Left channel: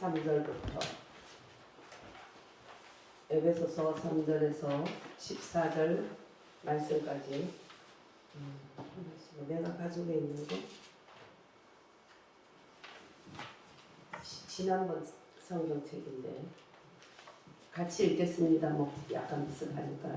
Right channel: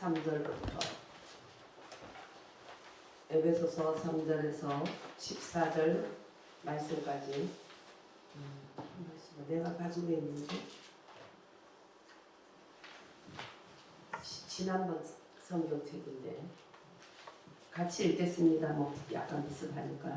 3절부터 에베소서 3절에서 14절 말씀까지 내가 가지고 있는데 지난번 성경책인데 같이 읽겠습니다. 뭐 약간 비슷하니까.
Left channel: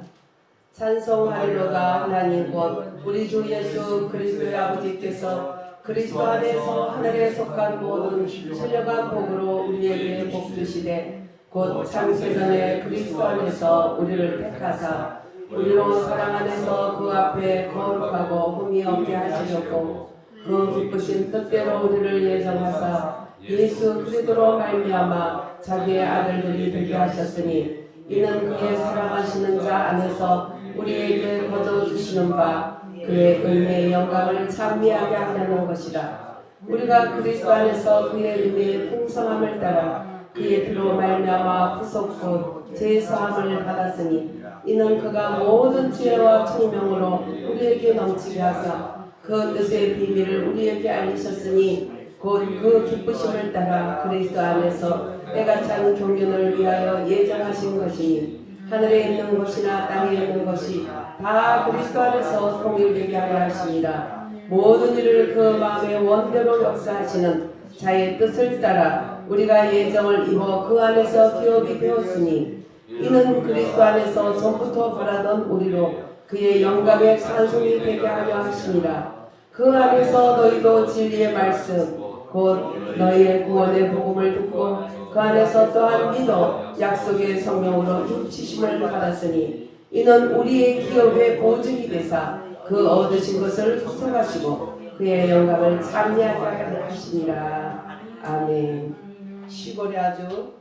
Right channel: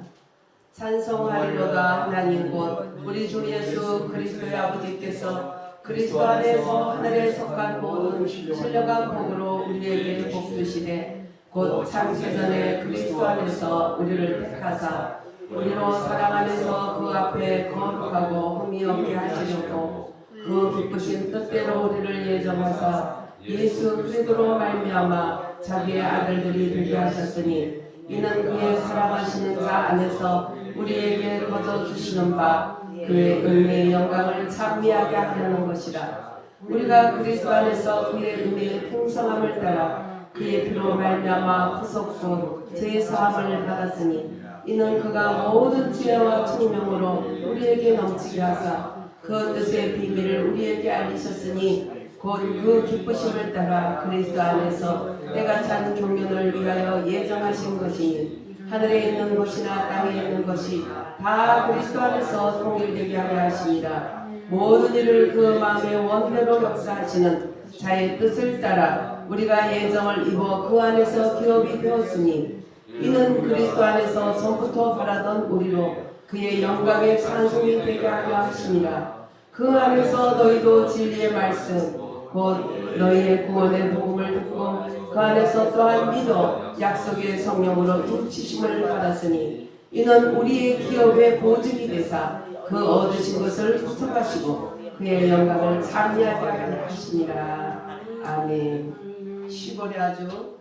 찬송하리로다 하나님 곧 우리 주 예수 그리스도의 아버지께서 그리스도 안에서 하늘에 속한 모든 신령한 복으로 우리에게 복 주시되 곧 창세전에 그리스도 안에서 우리를 택하사 우리로 사랑 안에서 그 앞에 거룩하고 흠이 없게 하시려고 그 기쁘신 뜻대로 우리를 예정하사 예수 그리스도로 말미암아 자기의 아들들이 되게 하셨으니 이는 그의 사랑하시는 자 안에서 우리에게 거저 주시는 바 그의 은혜의 영광을 찬미하게 하려는 것이라. 우리가 그리스도 안에서 그의 은혜의 풍성함을 따라 그의 피로 말미암아 구속 곧 제사함을 받았으니 이는 그가 모든 지혜와 총명으로 우리에게 넘치게 하사 그 뜻의 비밀을 우리에게 알리셨으니 곧 그 기쁘심을 따라 그리스도 안에서 때가 찬 경륜을 위하여 예정하신 것이니 하늘에 있는 것이나 땅에 있는 것이 다 그리스도 안에서 통일되게 하려 하시니라. 모든 일을 그 마음의 원대로 역사하시는 자의 뜻을 따라 우리가 예정을 입어 그 안에서 기업이 되었으니 이는 그리스도 안에서 전부터 바라던 우리로 그의 영광의 찬송이 되게 하려 하시니라. 그 안에서 너희도 진리의 말씀 곧 너희의 구원의 복음을 듣고 그 안에서 또한 믿어 약속의 성령으로 인치심을 받았으니 이는 우리의 기업의 보증이 되사 그 얻으신 것을 후속하시고 그의 영광을 찬미하게 하시니라. 아멘. 시골에 아주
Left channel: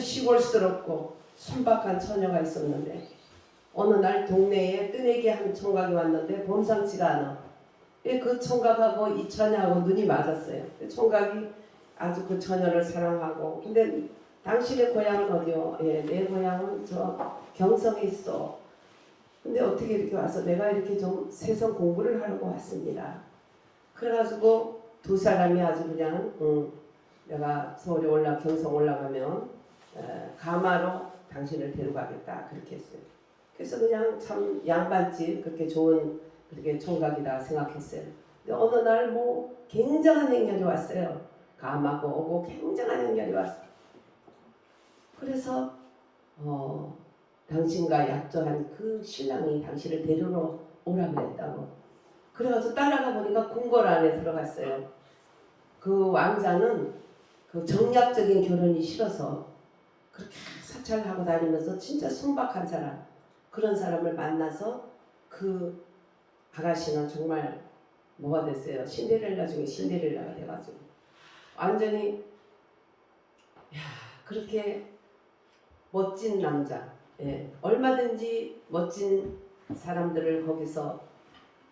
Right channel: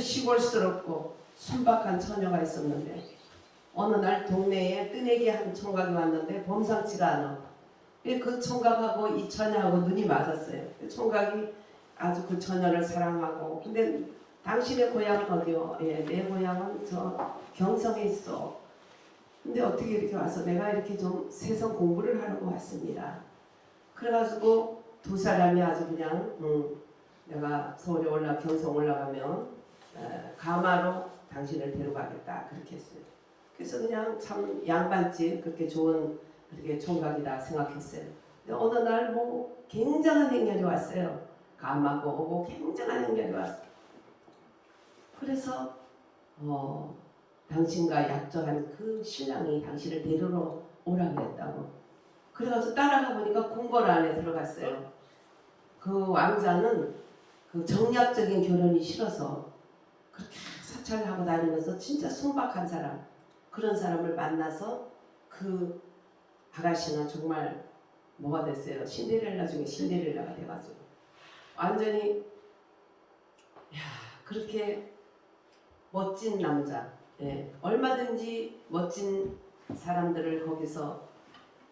시골스럽고 순박한 처녀가 있었는데 어느 날 동네에 뜨내기 한 총각이 왔는데 범상치가 않아. 그 총각하고 이 처녀하고 눈이 맞았어요. 총각이 아주 그 처녀를 사랑하고 근데 당신의 고향은 어디요? 예, 내 고향은 저 경성에 있어. 근데 어떻게 이렇게 와서 내가 이렇게 좀 세상 공부를 하려고 왔습니다. 그래가지고 두 사람이 아주 그냥 내가 서울에 경성 올라가면 가마로 당신을 데려가겠다 그렇게 했어요. 그래서 그냥 참 양반집 그렇게 좋은 그렇게 총각이다 생각했어요. 근데 어느 날 뭐 굉장한 행렬이 왔어요. 가마고 오고 굉장한 행렬이 왔어요. 그래서 당신과 약조한 그 신랑이 당신을 데리러 오라 그랬다고. 그래가지고 따라가 보니까 궁궐 안에 들어갔어요. 그 왕자는 그 정략적인 결혼이 싫어서 그렇게 사찰을 하고 다니면서 진짜 순박한 사람 그런 사람을 만나서 그 아가씨는 정말 뭐가 됐어요. 신데렐라 중에 신데렐라가 돼가지고 완전히 그렇게 멋진 남자 얼마든지 멋진 사람들을 거기서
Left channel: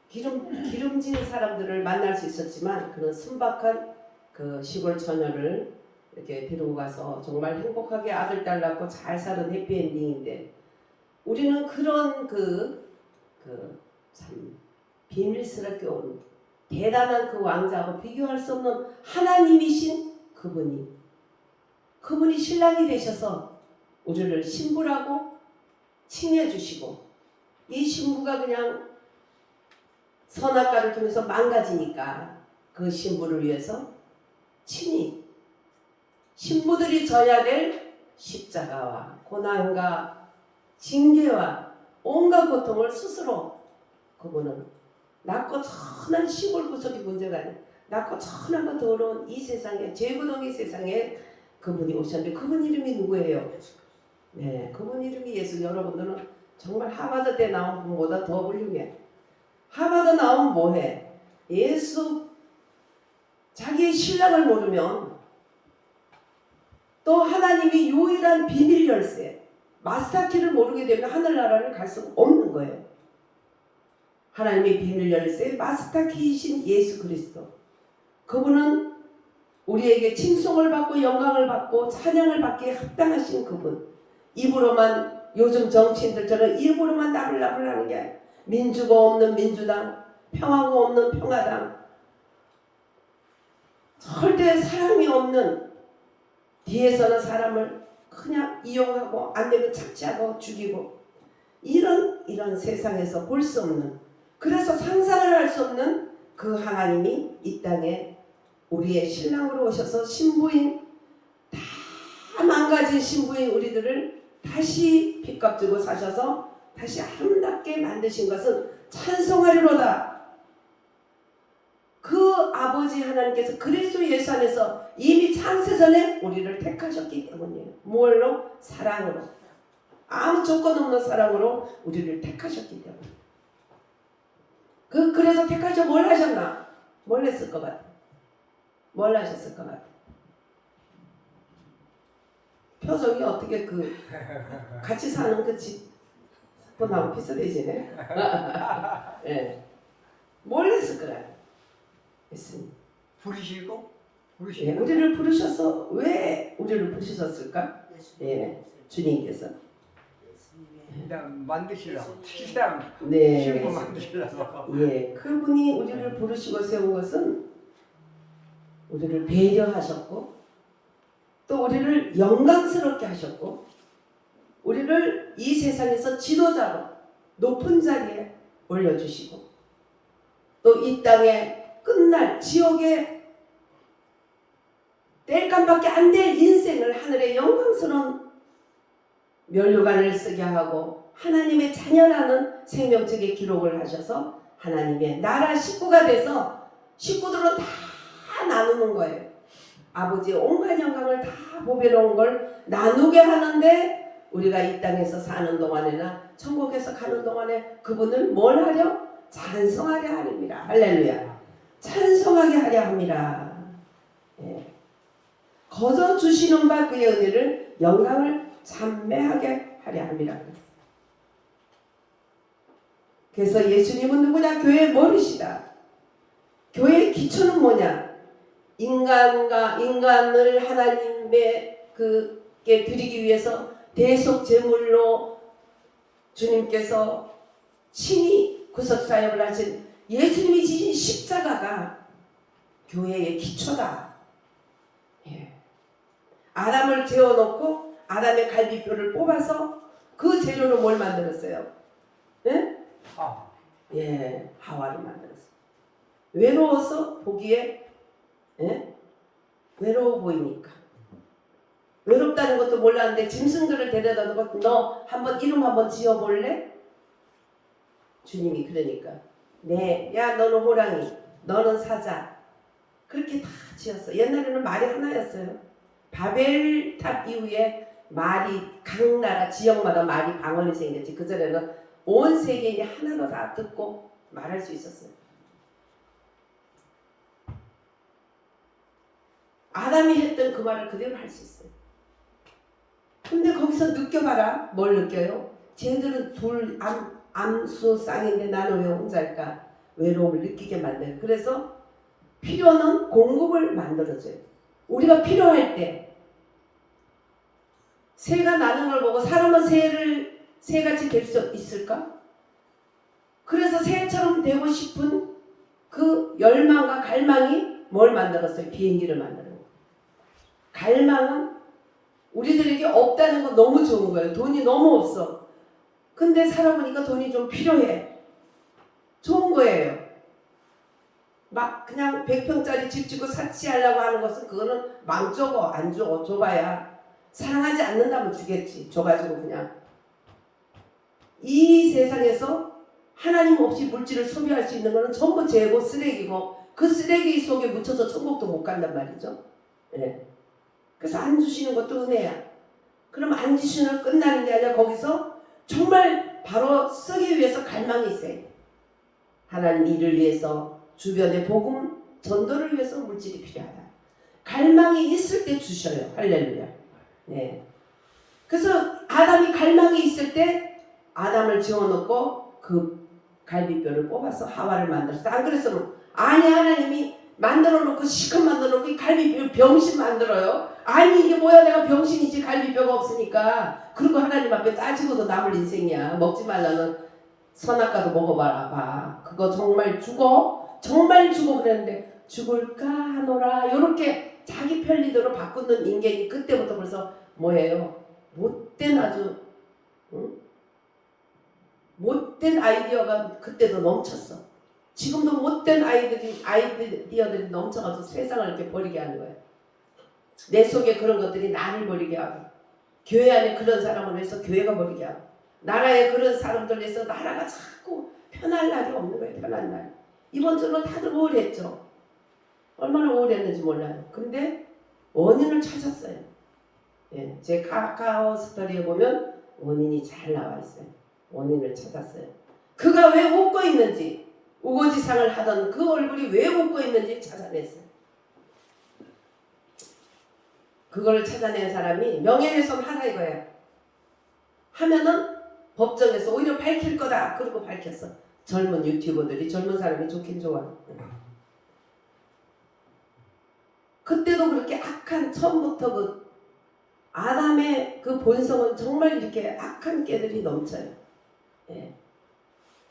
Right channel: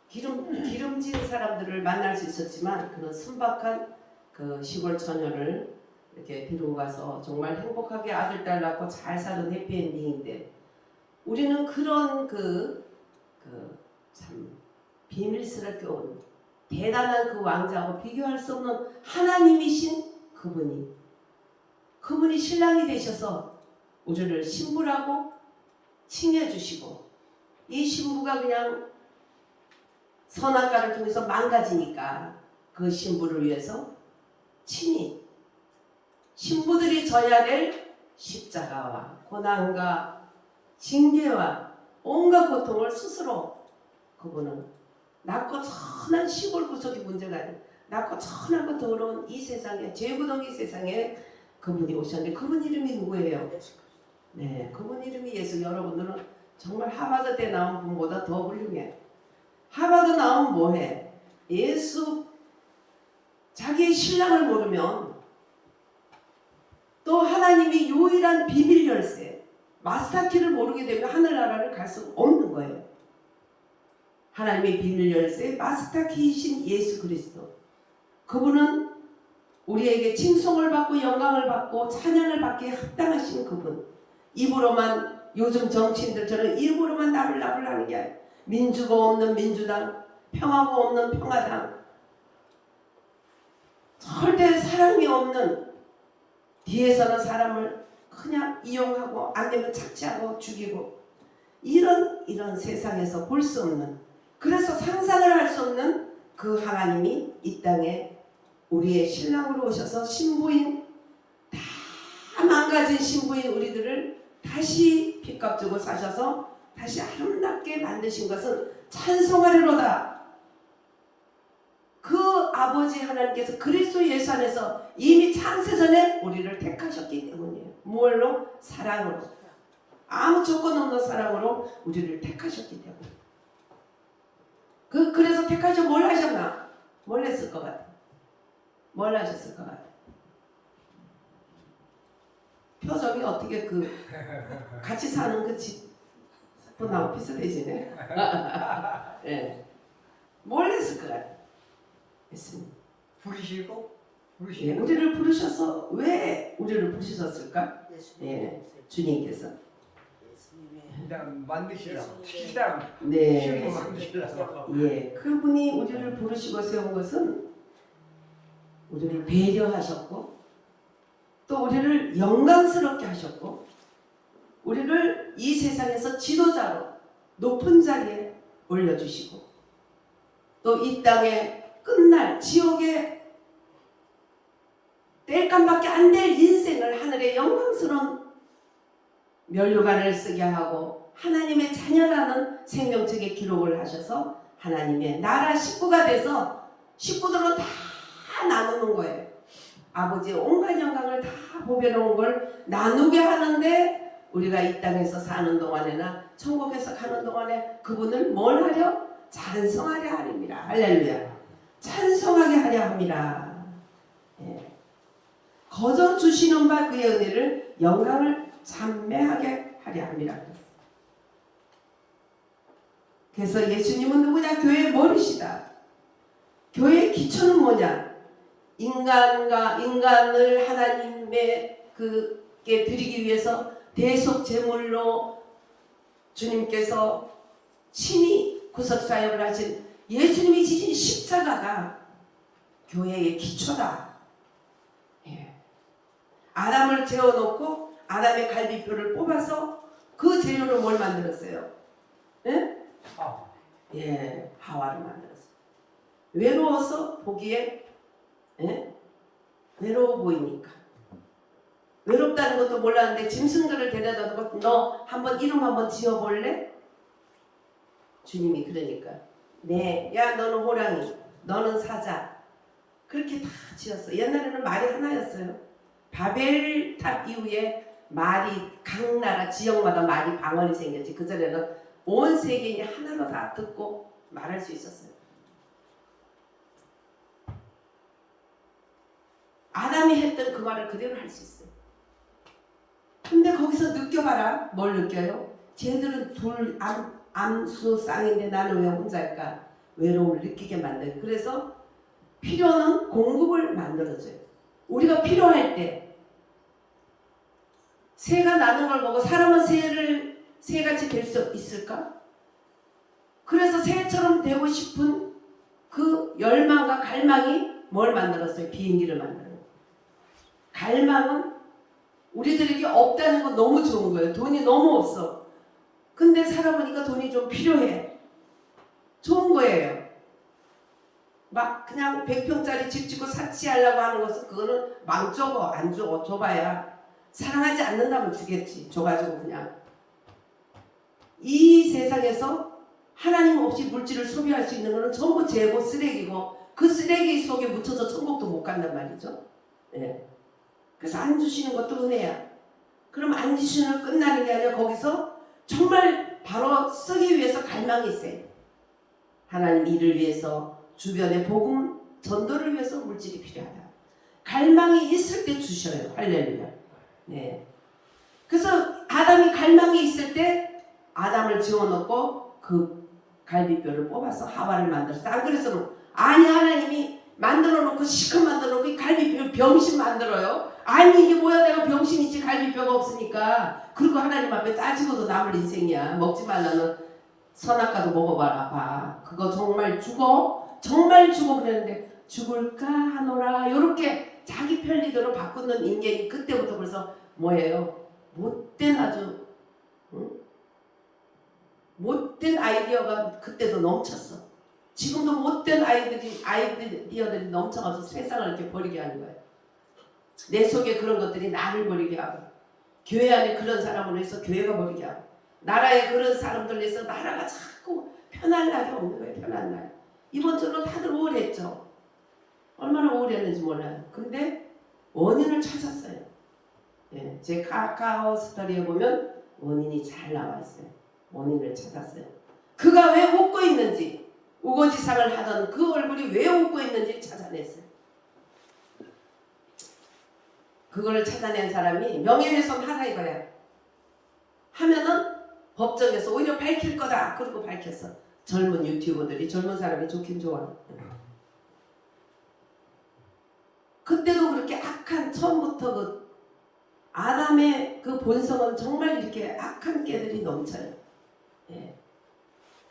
기름진 사람들을 만날 수 있었지만 그런 순박한 그 시골 처녀를 이렇게 데리고 가서 정말 행복하게 아들 딸 낳고 잘 사는 해피엔딩인데 우리는 그런 참 비밀스럽게 온 대단한 그 왕자하고 비교할 수 없는 하나님이신 그분이 신랑이 되셔서 우리를 신부라고 칭해주시고 이 신부가 그냥 선악과를 통해서 망가지니까 그 신부를 위해서 친히 신부들이 져야 될 십자가와 고난과 징계와 온갖 고통을 스스로 그분은 낮고 천한 시골 구석이 문제가 아니에요. 낮고 천하고 더러운 이 세상에 죄구덩이 세상에 그분이 오셨는데 그분 이름이 누구예요? 네, 그분 이름이 예수. 여러분들은 정말 하버드 때 나온 분보다 더 훌륭해. 하버드 나오면 뭐해? 예수 자기의 신랑을 모르면 또 하나님이 유일한 비밀 열쇠 마스터키를 모르게 되면 하늘나라를 갈 수 없는 거예요. 하나님의 비밀 열쇠 마스터키이신 예수 그리스도 그분은 우리에게 칭송을 받고 영광을 받고 찬양을 받기에 합당하신 그분. 입으로만 요즘 정치인들처럼 입으로만 나불나불 하는 게 아니에요. 민주가 없는 민주당 평화가 없는 평화당 절대 사랑이 없는 뒤에서는 사람을 그냥 이용하고 안 되면 착취하고 죽이고 이런 세상에서 볼 수 없는, 그래서 상상을 할 수 없는 그 하나님이 이 땅에 우리의 신랑으로 오셔서 신부인, 다 망가진 신부인 우리들을 다시 핏값 주고 사셔서 다시 아름답게 만드신 것은 찬송하리로다. 그 아버지 하나님께서 그리스도 예수 안에서 이미 창세전에 우리를 택하셨기 때문이에요. 무얼로? 사랑으로. 아무 조건 없는 사랑으로 우리를 택하셨기 때문에. 그래서 택하셔 뭘 하셨나? 뭘 했을 것 같아? 뭘 하셨을 것 같아? 표정이 어떻게 같이 사는 그 집하고 비슷해지네. 네. 뭘 했을 것 같아? 했습니다. 부르시고 예, 우리를 부르셔서 왜 우리를 부르셨을까? 예, 주님께서 그냥 만드시라고 시장 네, 신부 만드시라고. 예, 그분이 우리를 부르시고 세운 것은 우리를 배려하셨고 또 우리를 영광스럽게 하셨고 우리를 이 세상에서 지도자로 높은 자리에 올려주시고 또 이 땅에 끝날 지옥의 뗄감밖에 안 될 인생을 하늘의 영광스러운 면류관을 쓰게 하고 하나님의 자녀라는 생명책에 기록을 하셔서 하나님의 나라 식구가 돼서 식구들은 다 나누는 거예요. 아버지의 온갖 영광을 다 보배로운 걸 나누게 하는데 우리가 이 땅에서 사는 동안에나 천국에서 가는 동안에 그분을 뭘 하려? 찬송하려 하렵니다. 할렐루야. 찬송하게 하려 합니다. 예. 거저 주시는 바 그의 은혜를 영광을 찬매하게 하려 합니다. 그래서 예수님은 누구냐? 교회의 머리시다. 교회의 기초는 뭐냐? 인간을 하나님의 그게 드리기 위해서 대속 제물로 주님께서 친히 구속사역을 하신 예수님이 지신 십자가가 교회의 기초다. 예. 아담을 재워놓고 아담의 갈비뼈를 뽑아서 그 재료로 뭘 만들었어요? 예? 예, 하와를 만들었어요. 외로워서 보기에 예? 외로워 보이니까. 외롭다는 것도 몰랐는데 짐승들을 데려다 놓고 너 한번 이름 한번 지어볼래? 주님이 그러니까 네, 야 너는 호랑이, 너는 사자 그렇게 다 지었어. 옛날에는 말이 하나였어요. 바벨탑 이후에 말이 각 나라 지역마다 말이 방언이 생겼지. 그전에는 온 세계인이 하나로 다 듣고 말할 수 있었어요. 아담이 했던 그 말을 그대로 할 수 있어요. 근데 거기서 느껴봐라. 뭘 느껴요? 쟤들은 둘 암수 쌍인데 나는 왜 혼자일까? 외로움을 느끼게 만들어요. 그래서 필요는 공급을 만들어줘요. 우리가 필요할 때 새가 나는 걸 보고 사람은 새같이 될 수 있을까? 그래서 새처럼 되고 싶은 그 열망과 갈망이 뭘 만들었어요? 비행기를 만들어요. 갈망은 우리들에게 없다는 건 너무 좋은 거예요. 돈이 너무 없어. 근데 살아보니까 돈이 좀 필요해. 좋은 거예요. 막 그냥 100평짜리 집 짓고 사치하려고 하는 것은 그거는 망 줘봐. 안 줘. 줘봐야 사랑하지 않는다면 주겠지. 줘가지고 그냥 이 세상에서 하나님 없이 물질을 소비할 수 있는 거는 전부 재고 쓰레기고 그 쓰레기 속에 묻혀서 천국도 못 간단 말이죠. 네. 그래서 안 주시는 것도 은혜야. 그럼 안 주시는 끝나는 게 아니라 거기서 정말 바로 쓰기 위해서 갈망이 있어요. 하나님 일을 위해서 주변의 복음 전도를 위해서 물질이 필요하다. 갈망이 있을 때 주셔요. 할렐루야. 네. 그래서 아담이 갈망이 있을 때 아담을 지어놓고 그 갈비뼈를 뽑아서 하와를 만들었어. 안 그랬으면 아니 하나님이 만들어놓고 시컷 만들어놓고 갈비뼈 병신 만들어요. 아니 이게 뭐야 내가 병신이지 갈비뼈가 없으니까. 그리고 하나님 앞에 따지고도 남을 인생이야. 먹지 말라는 선악과도 먹어봐라 봐. 그거 정말 죽어? 정말 죽어 그랬는데 죽을까 하노라 요렇게 자기 편리대로 바꾸는 인간이 그때부터 벌써 뭐예요? 못된 아주 못된 아이디어가 그때도 넘쳤어. 지금도 못된 아이디어들이 넘쳐가지고 세상을 이렇게 버리게 하는 거예요. 내 속에 그런 것들이 나를 버리게 하고, 교회 안에 그런 사람을 위해서 교회가 버리게 하고, 나라에 그런 사람들 위해서 나라가 자꾸 편할 날이 없는 거예요. 편한 날. 이번 주로 다들 우울했죠. 얼마나 우울했는지 몰라요. 근데 원인을 찾았어요. 예, 제 카카오 스토리에 보면 원인이 잘 나와 있어요. 원인을 찾았어요. 그가 왜 웃고 있는지, 우거지상을 하던 그 얼굴이 왜 웃고 있는지 찾아냈어요. 그걸 찾아낸 사람이 명예훼손 하라 이거야. 하면은 법정에서 오히려 밝힐 거다. 그러고 밝혔어. 젊은 유튜버들이, 젊은 사람이 좋긴 좋아. 그때도 그렇게 악한, 처음부터 그 아담의 그 본성은 정말 이렇게 악한 깨들이 넘쳐요. 예.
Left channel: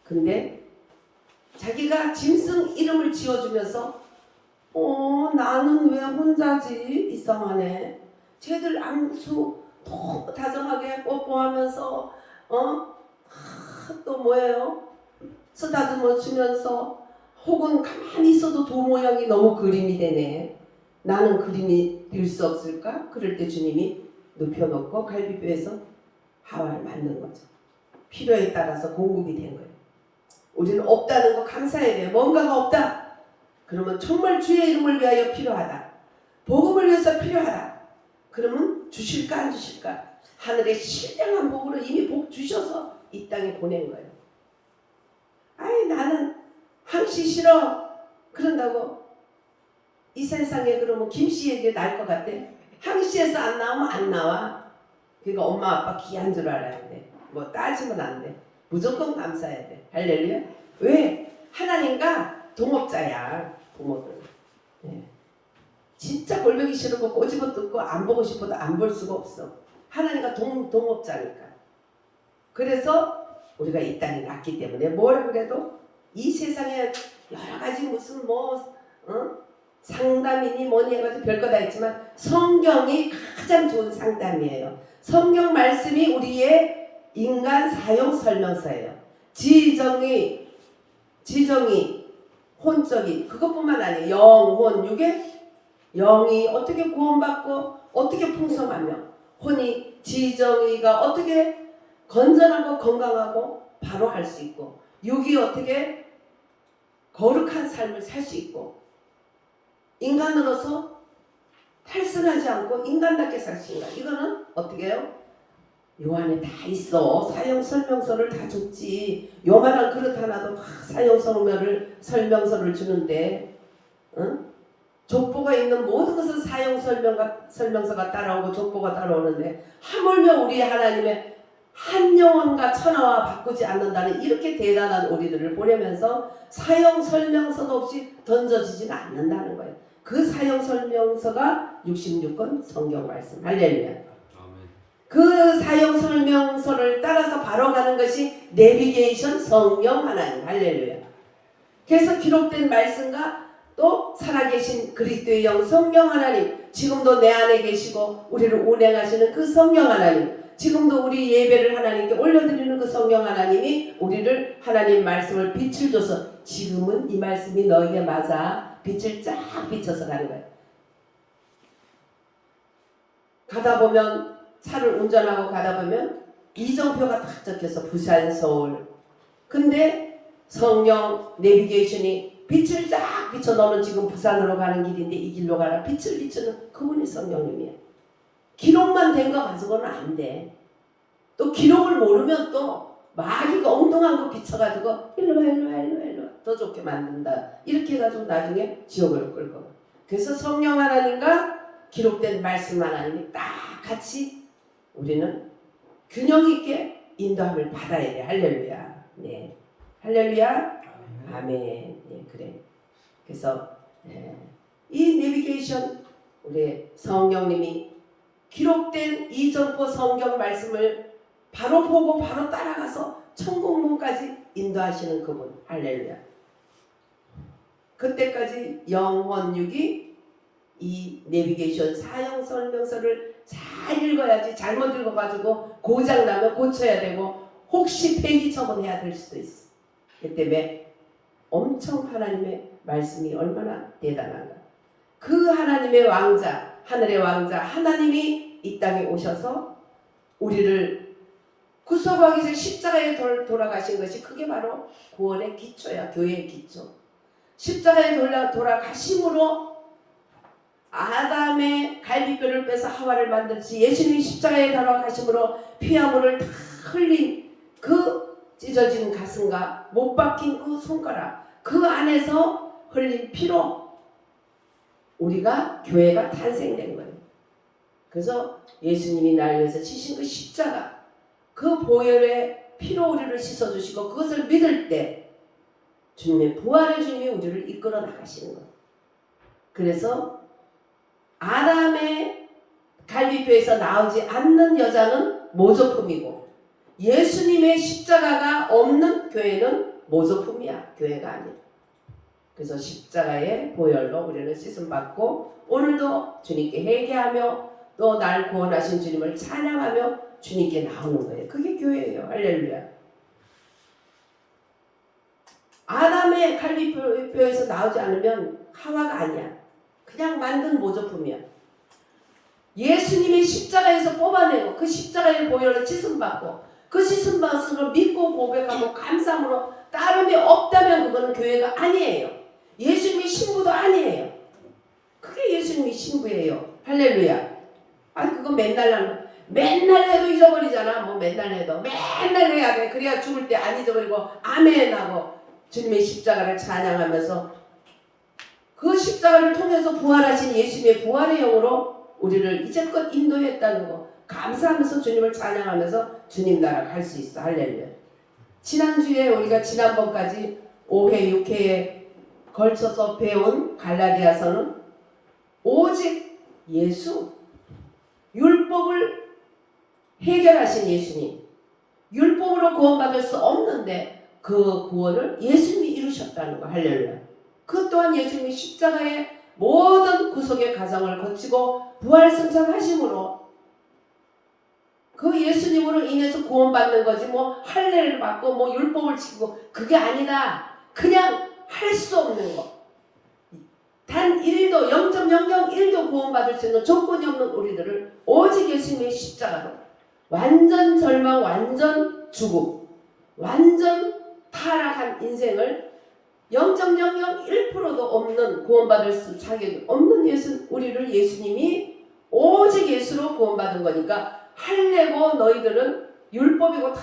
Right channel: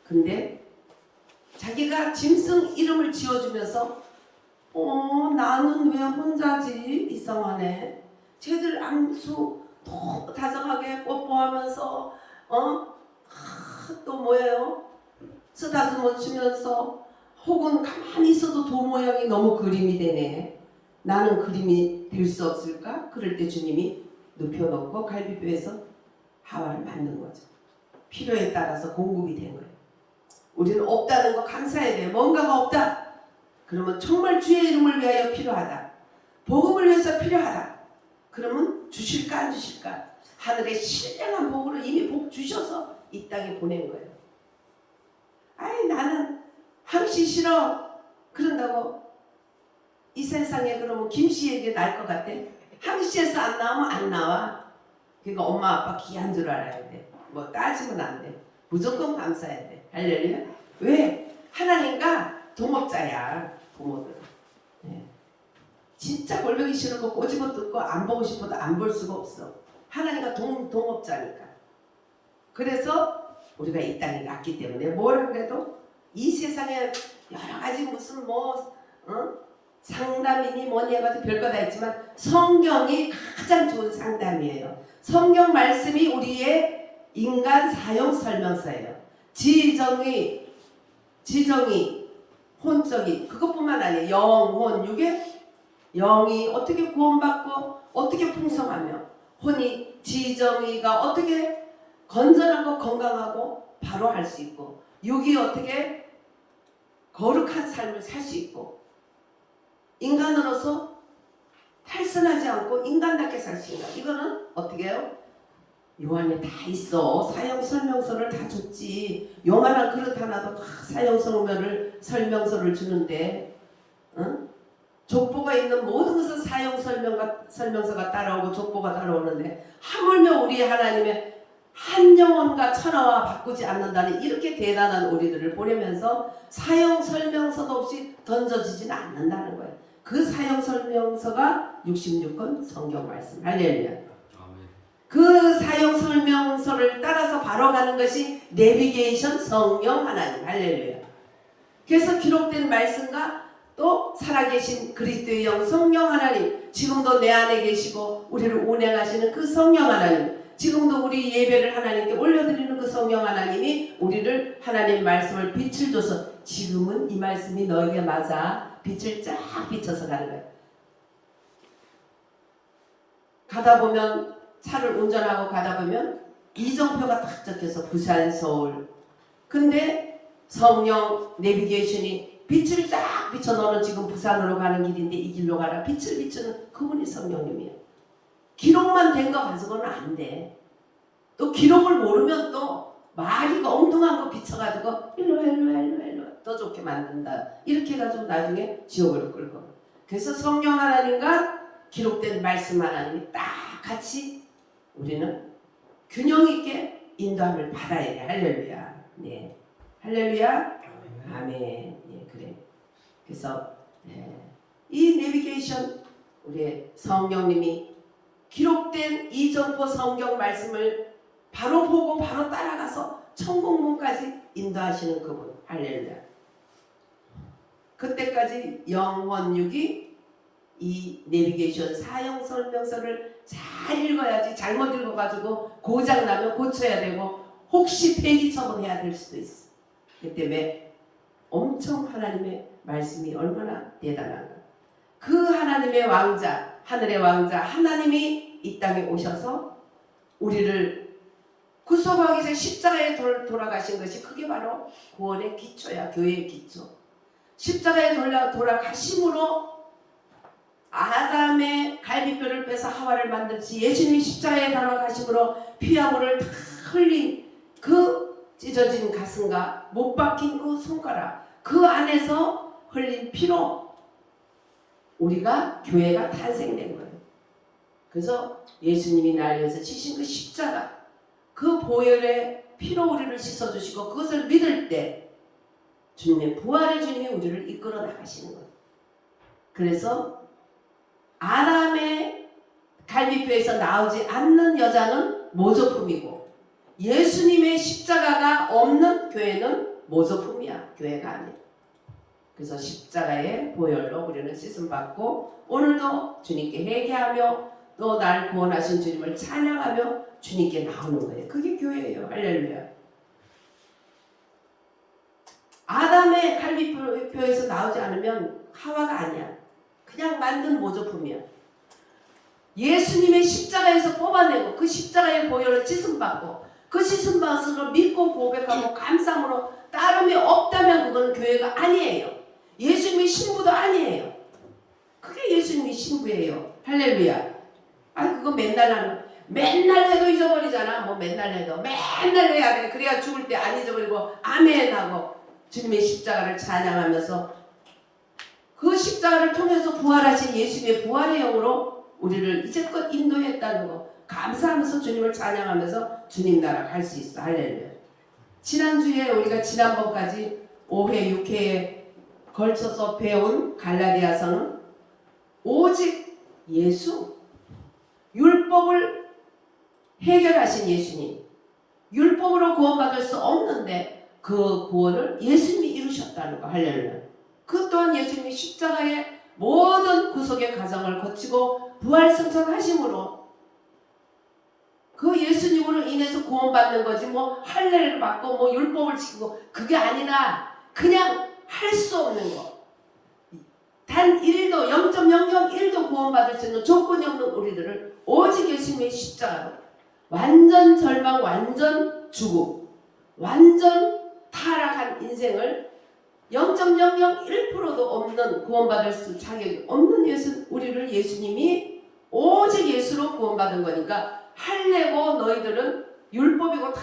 근데 자기가 짐승 이름을 지어주면서 나는 왜 혼자지? 이상하네. 쟤들 암수 너무 다정하게 뽀뽀하면서 또 뭐예요? 쓰다듬어 주면서 혹은 가만히 있어도 도 모양이 너무 그림이 되네. 나는 그림이 될 수 없을까? 그럴 때 주님이 눕혀놓고 갈비뼈에서 하와를 만든 거죠. 필요에 따라서 공급이 된 거예요. 우리는 없다는 거 감사해야 돼요. 뭔가가 없다. 그러면 정말 주의 이름을 위하여 필요하다. 복음을 위해서 필요하다. 그러면 주실까 안 주실까? 하늘의 신령한 복으로 이미 복 주셔서 이 땅에 보낸 거예요. 아이 나는 항시 싫어. 그런다고 이 세상에 그러면 김씨에게 날 것 같아? 항시에서 안 나오면 안 나와. 그러니까 엄마 아빠 귀한 줄 알아야 돼. 뭐 따지면 안 돼. 무조건 감사해야 돼. 할렐루야. 왜? 하나님과 동업자야. 부모들은. 네. 진짜 골뱅이 싫은 거 꼬집어 뜯고 안 보고 싶어도 안 볼 수가 없어. 하나님과 동업자니까. 그래서 우리가 이 땅에 났기 때문에 뭐라 그래도 이 세상에 여러 가지 무슨 상담이니 뭐니 해가지고 별거 다 있지만 성경이 가장 좋은 상담이에요. 성경 말씀이 우리의 인간 사용 설명서예요. 지정의, 혼적이 그것뿐만 아니에요. 영혼, 육의 영이 어떻게 구원받고 어떻게 풍성하며 혼이 지정의가 어떻게 건전하고 건강하고 바로 할 수 있고 육이 어떻게 거룩한 삶을 살 수 있고 인간으로서 탈선하지 않고 인간답게 살 수 있는 이거는 어떻게 해요? 요 안에 다 있어. 사용 설명서를 다 줬지. 요만한 그릇 하나도 다 사용 설명서를 주는데 족보가 있는 모든 것은 사용 설명서가 따라오고 족보가 따라오는데 하물며 우리 하나님의 한 영혼과 천하와 바꾸지 않는다는 이렇게 대단한 우리들을 보내면서 사용 설명서도 없이 던져지진 않는다는 거예요. 그 사용 설명서가 66권 성경 말씀. 할렐루야. 그 사용 설명서를 따라서 바로 가는 것이 내비게이션 성령 하나님. 할렐루야. 그래서 기록된 말씀과 또 살아계신 그리스도의 영 성령 하나님, 지금도 내 안에 계시고 우리를 운행하시는 그 성령 하나님, 지금도 우리 예배를 하나님께 올려드리는 그 성령 하나님이 우리를 하나님 말씀을 빛을 줘서 지금은 이 말씀이 너에게 맞아 빛을 쫙 비춰서 가는 거예요. 가다 보면 차를 운전하고 가다 보면 이정표가 딱 적혀서 부산, 서울. 근데 성령 내비게이션이 빛을 쫙 비춰 너는 지금 부산으로 가는 길인데 이 길로 가라. 빛을 비추는 그분이 성령님이에요. 기록만 된 거 가지고는 안 돼. 또 기록을 모르면 또 말이 엉뚱한 거 비춰가지고 일로 와 더 좋게 만든다. 이렇게 해가지고 나중에 지옥으로 끌고. 그래서 성령 하나님과 기록된 말씀 하나님이 딱 같이 우리는 균형 있게 인도함을 받아야 돼. 할렐루야. 네, 할렐루야. 아멘. 예, 그래. 그래서 이 내비게이션 우리 성령님이 기록된 이 정보 성경 말씀을 바로 보고 바로 따라가서 천국문까지 인도하시는 그분. 할렐루야. 그때까지 영혼육이 이 내비게이션 사용 설명서를 잘 읽어야지. 잘못 읽어가지고 고장 나면 고쳐야 되고 혹시 폐기 처분해야 될 수도 있어. 그 때문에 엄청 하나님의 말씀이 얼마나 대단한가. 그 하나님의 왕자, 하늘의 왕자 하나님이 이 땅에 오셔서 우리를 구속하기 위해서 십자가에 돌아가신 것이 그게 바로 구원의 기초야. 교회의 기초. 십자가에 돌아가심으로 아담의 갈비뼈를 빼서 하와를 만들지 예수님이 십자가에 돌아가심으로 피화물을 다 흘린 그 찢어진 가슴과 못 박힌 그 손가락, 그 안에서 흘린 피로 우리가 교회가 탄생된 거예요. 그래서 예수님이 날 위해서 치신 그 십자가, 그 보혈의 피로 우리를 씻어주시고 그것을 믿을 때 주님의 부활의 주님이 우리를 이끌어 나가시는 거예요. 그래서 아담의 갈비뼈에서 나오지 않는 여자는 모조품이고 예수님의 십자가가 없는 교회는 모조품이야. 교회가 아니야. 그래서 십자가의 보혈로 우리는 씻음받고 오늘도 주님께 회개하며 또 날 구원하신 주님을 찬양하며 주님께 나오는 거예요. 그게 교회예요. 할렐루야. 아담의 갈비뼈에서 나오지 않으면 하와가 아니야. 그냥 만든 모조품이야. 예수님의 십자가에서 뽑아내고 그 십자가의 보혈을 씻음받고 그 씻음받은 믿고 고백하고 감사함으로 따름이 없다면 그거는 교회가 아니에요. 예수님의 신부도 아니에요. 그게 예수님의 신부예요. 할렐루야. 아니 그거 맨날 해도 잊어버리잖아. 뭐 맨날 해도 맨날 해야 돼. 그래야 죽을 때 안 잊어버리고 아멘 하고 주님의 십자가를 찬양하면서 그 십자가를 통해서 부활하신 예수님의 부활의 영으로 우리를 이제껏 인도했다는 거 감사하면서 주님을 찬양하면서 주님 나라 갈 수 있어. 할렐루야. 지난주에 우리가 지난번까지 5회 6회에 걸쳐서 배운 갈라디아서는 오직 예수, 율법을 해결하신 예수님, 율법으로 구원받을 수 없는데 그 구원을 예수님이 이루셨다는 거. 할렐루야. 그 또한 예수님이 십자가의 모든 구속의 과정을 거치고 부활승천하심으로 그 예수님으로 인해서 구원받는 거지 뭐 할례를 받고 뭐 율법을 지키고 그게 아니라 그냥 할 수 없는 거. 단 1도 0.001도 구원받을 수 있는 조건이 없는 우리들을 오직 예수님의 십자가로 완전 절망, 완전 죽음, 완전 타락한 인생을 0.001%도 없는 구원받을 수 자격이 없는 우리를 예수님이 오직 예수로 구원받은 거니까 할례고 너희들은 율법이고 다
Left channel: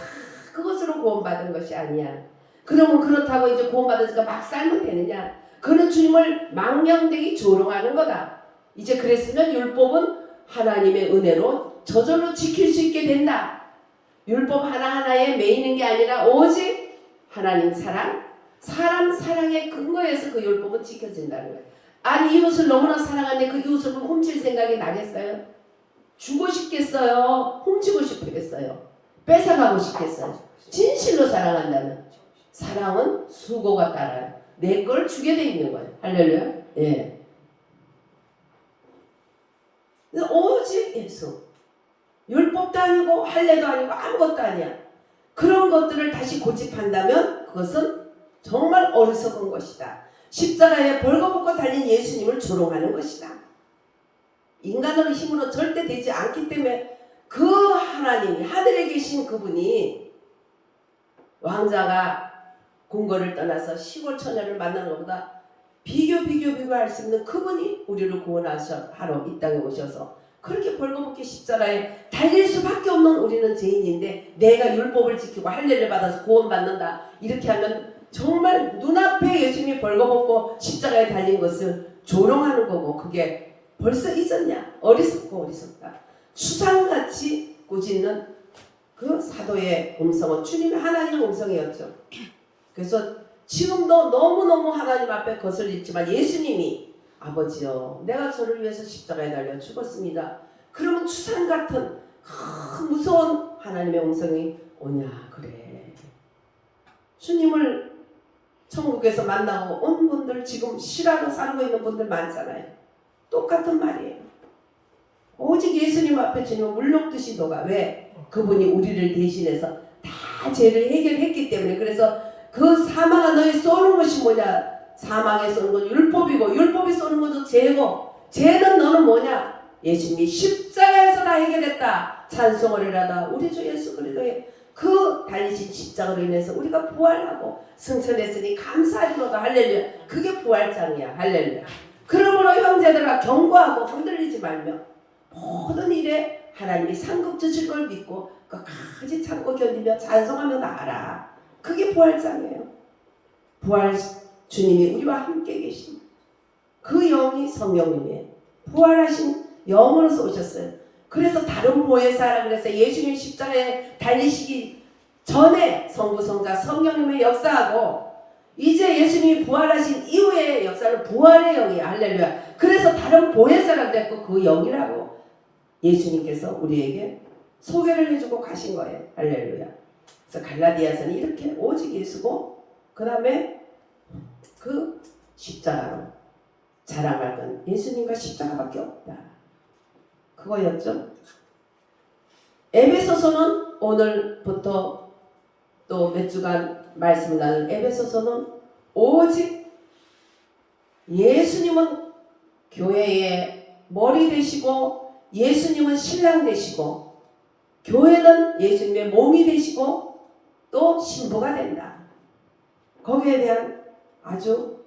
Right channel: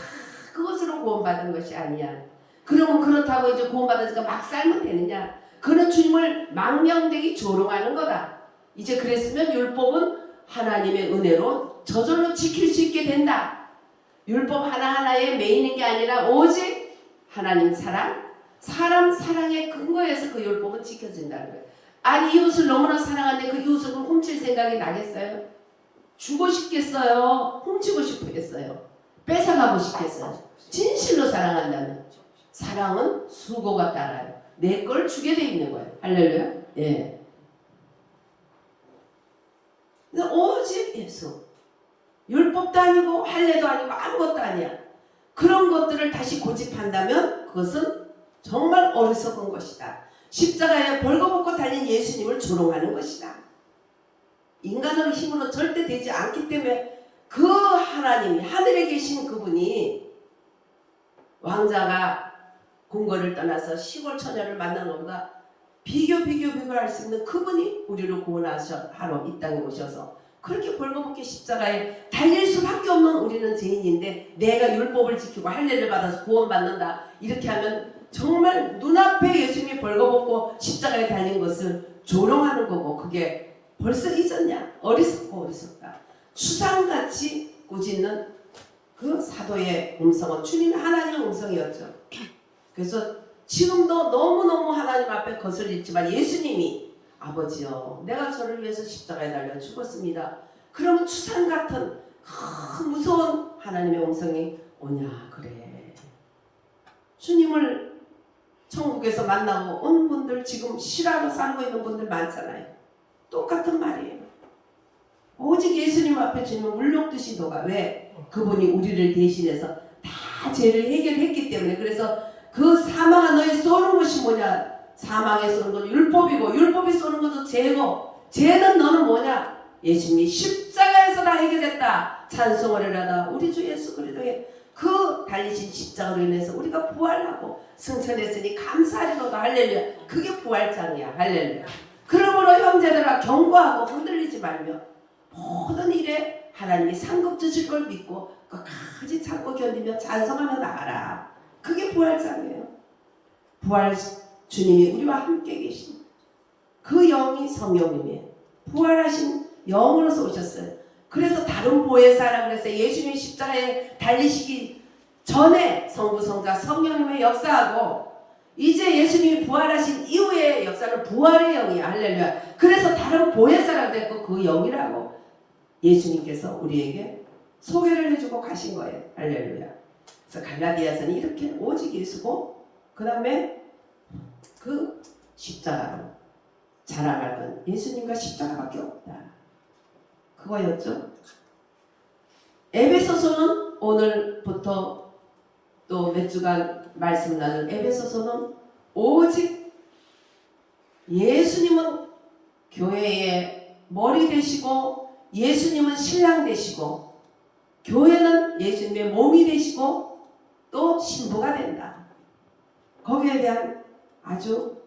그것으로 구원받은 것이 아니야. 그러면 그렇다고 이제 구원받으니까 막 살면 되느냐? 그는 주님을 망령되게 조롱하는 거다. 이제 그랬으면 율법은 하나님의 은혜로 저절로 지킬 수 있게 된다. 율법 하나하나에 매이는 게 아니라 오직 하나님 사랑, 사람 사랑의 근거에서 그 율법은 지켜진다는 거예요. 아니 이웃을 너무나 사랑하는데 그 이웃을 훔칠 생각이 나겠어요? 주고 싶겠어요? 훔치고 싶겠어요? 뺏어가고 싶겠어요? 진실로 사랑한다면 사랑은 수고가 따라요. 내 걸 주게 돼 있는 거예요. 할렐루야. 예. 오직 예수. 율법도 아니고 할례도 아니고 아무것도 아니야. 그런 것들을 다시 고집한다면 그것은 정말 어리석은 것이다. 십자가에 벌거벗고 달린 예수님을 조롱하는 것이다. 인간으로 힘으로 절대 되지 않기 때문에 그 하나님이 하늘에 계신 그분이 왕자가 궁궐을 떠나서 시골 처녀를 만나는 것보다 비교할 수 있는 그분이 우리를 구원하러 이 땅에 오셔서 그렇게 벌거벗게 십자가에 달릴 수밖에 없는 우리는 죄인인데 내가 율법을 지키고 할례를 받아서 구원받는다. 이렇게 하면 정말 눈앞에 예수님이 벌거벗고 십자가에 달린 것을 조롱하는 거고 그게 벌써 있었냐? 어리석고 어리석다. 추상같이 꾸짖는 그 사도의 음성은 주님의 하나님의 음성이었죠. 그래서 지금도 너무너무 하나님 앞에 거슬리지만 예수님이 아버지요 내가 저를 위해서 십자가에 달려 죽었습니다. 그러면 추상 같은 무서운 하나님의 음성이 오냐 그래. 주님을 천국에서 만나고 온 분들 지금 실화로 살고 있는 분들 많잖아요. 똑같은 말이에요. 오직 예수님 앞에 주는 물녹듯이 녹아. 왜? 그분이 우리를 대신해서 다 죄를 해결했기 때문에. 그래서 그 사망아 너희 쏘는 것이 뭐냐? 사망에 쏘는 건 율법이고 율법이 쏘는 것도 죄고 죄는 너는 뭐냐? 예수님이 십자가에서 다 해결했다. 찬송을 해라다. 우리 주 예수 그리스도의 그 달리신 십자가로 인해서 우리가 부활하고 승천했으니 감사하리로다. 할렐루야. 그게 부활장이야. 할렐루야. 그러므로 형제들아 경고하고 흔들리지 말며 모든 일에 하나님이 상급 주실 걸 믿고 끝까지 참고 견디며 찬송하며 나가라. 그게 부활장이에요. 부활 주님이 우리와 함께 계신 그 영이 성령님이에요. 부활하신 영으로서 오셨어요. 그래서 다른 보혜사라 그래서 예수님 십자가에 달리시기 전에 성부 성자 성령님의 역사하고 이제 예수님이 부활하신 이후의 역사는 부활의 영이야. 할렐루야. 그래서 다른 보혜사라 그랬고 그 영이라고 예수님께서 우리에게 소개를 해주고 가신 거예요. 할렐루야. 그래서 갈라디아서는 이렇게 오직 예수고 그 다음에 그 십자가로 자랑할 건 예수님과 십자가밖에 없다. 그거였죠. 에베소서는 오늘부터 또 몇 주간 말씀을 나눌 에베소서는 오직 예수님은 교회의 머리 되시고 예수님은 신랑 되시고 교회는 예수님의 몸이 되시고 또 신부가 된다. 거기에 대한 아주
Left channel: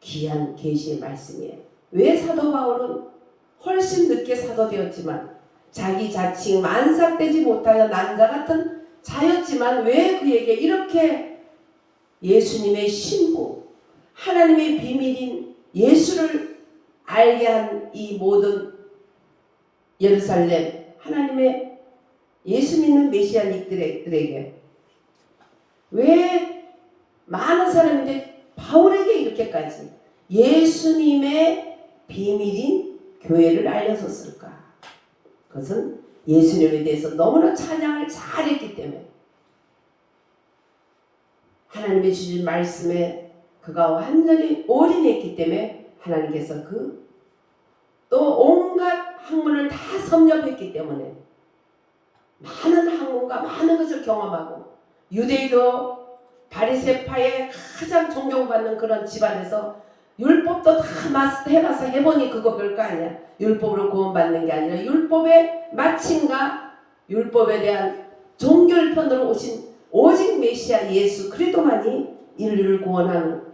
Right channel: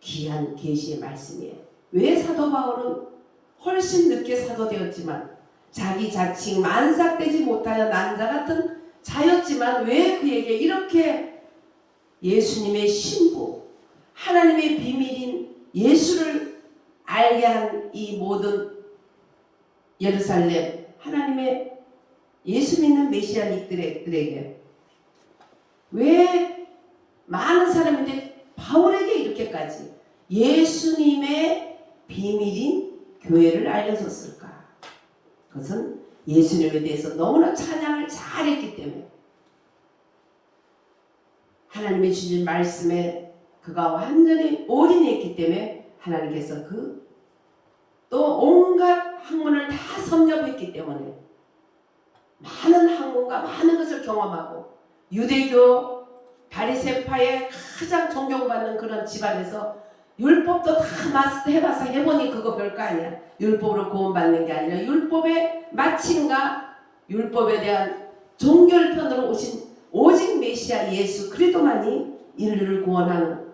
귀한 계시의 말씀이에요. 왜 사도 바울은 훨씬 늦게 사도 되었지만 자기 자칭 만삭되지 못하여 난자 같은 자였지만 왜 그에게 이렇게 예수님의 신부 하나님의 비밀인 예수를 알게 한 이 모든 예루살렘 하나님의 예수 믿는 메시아닉들에게 왜 많은 사람인데 바울에게 이렇게까지 예수님의 비밀인 교회를 알려줬을까? 그것은 예수님에 대해서 너무나 찬양을 잘했기 때문에 하나님의 주신 말씀에 그가 완전히 올인했기 때문에 하나님께서 그 또 온갖 학문을 다 섭렵했기 때문에 많은 학문과 많은 것을 경험하고 유대교 바리새파의 가장 존경받는 그런 집안에서 율법도 다 마스터해봐서 해보니 그거 별거 아니야. 율법으로 구원받는 게 아니라 율법의 마침과 율법에 대한 종결편으로 오신 오직 메시아 예수 그리스도만이 인류를 구원하는.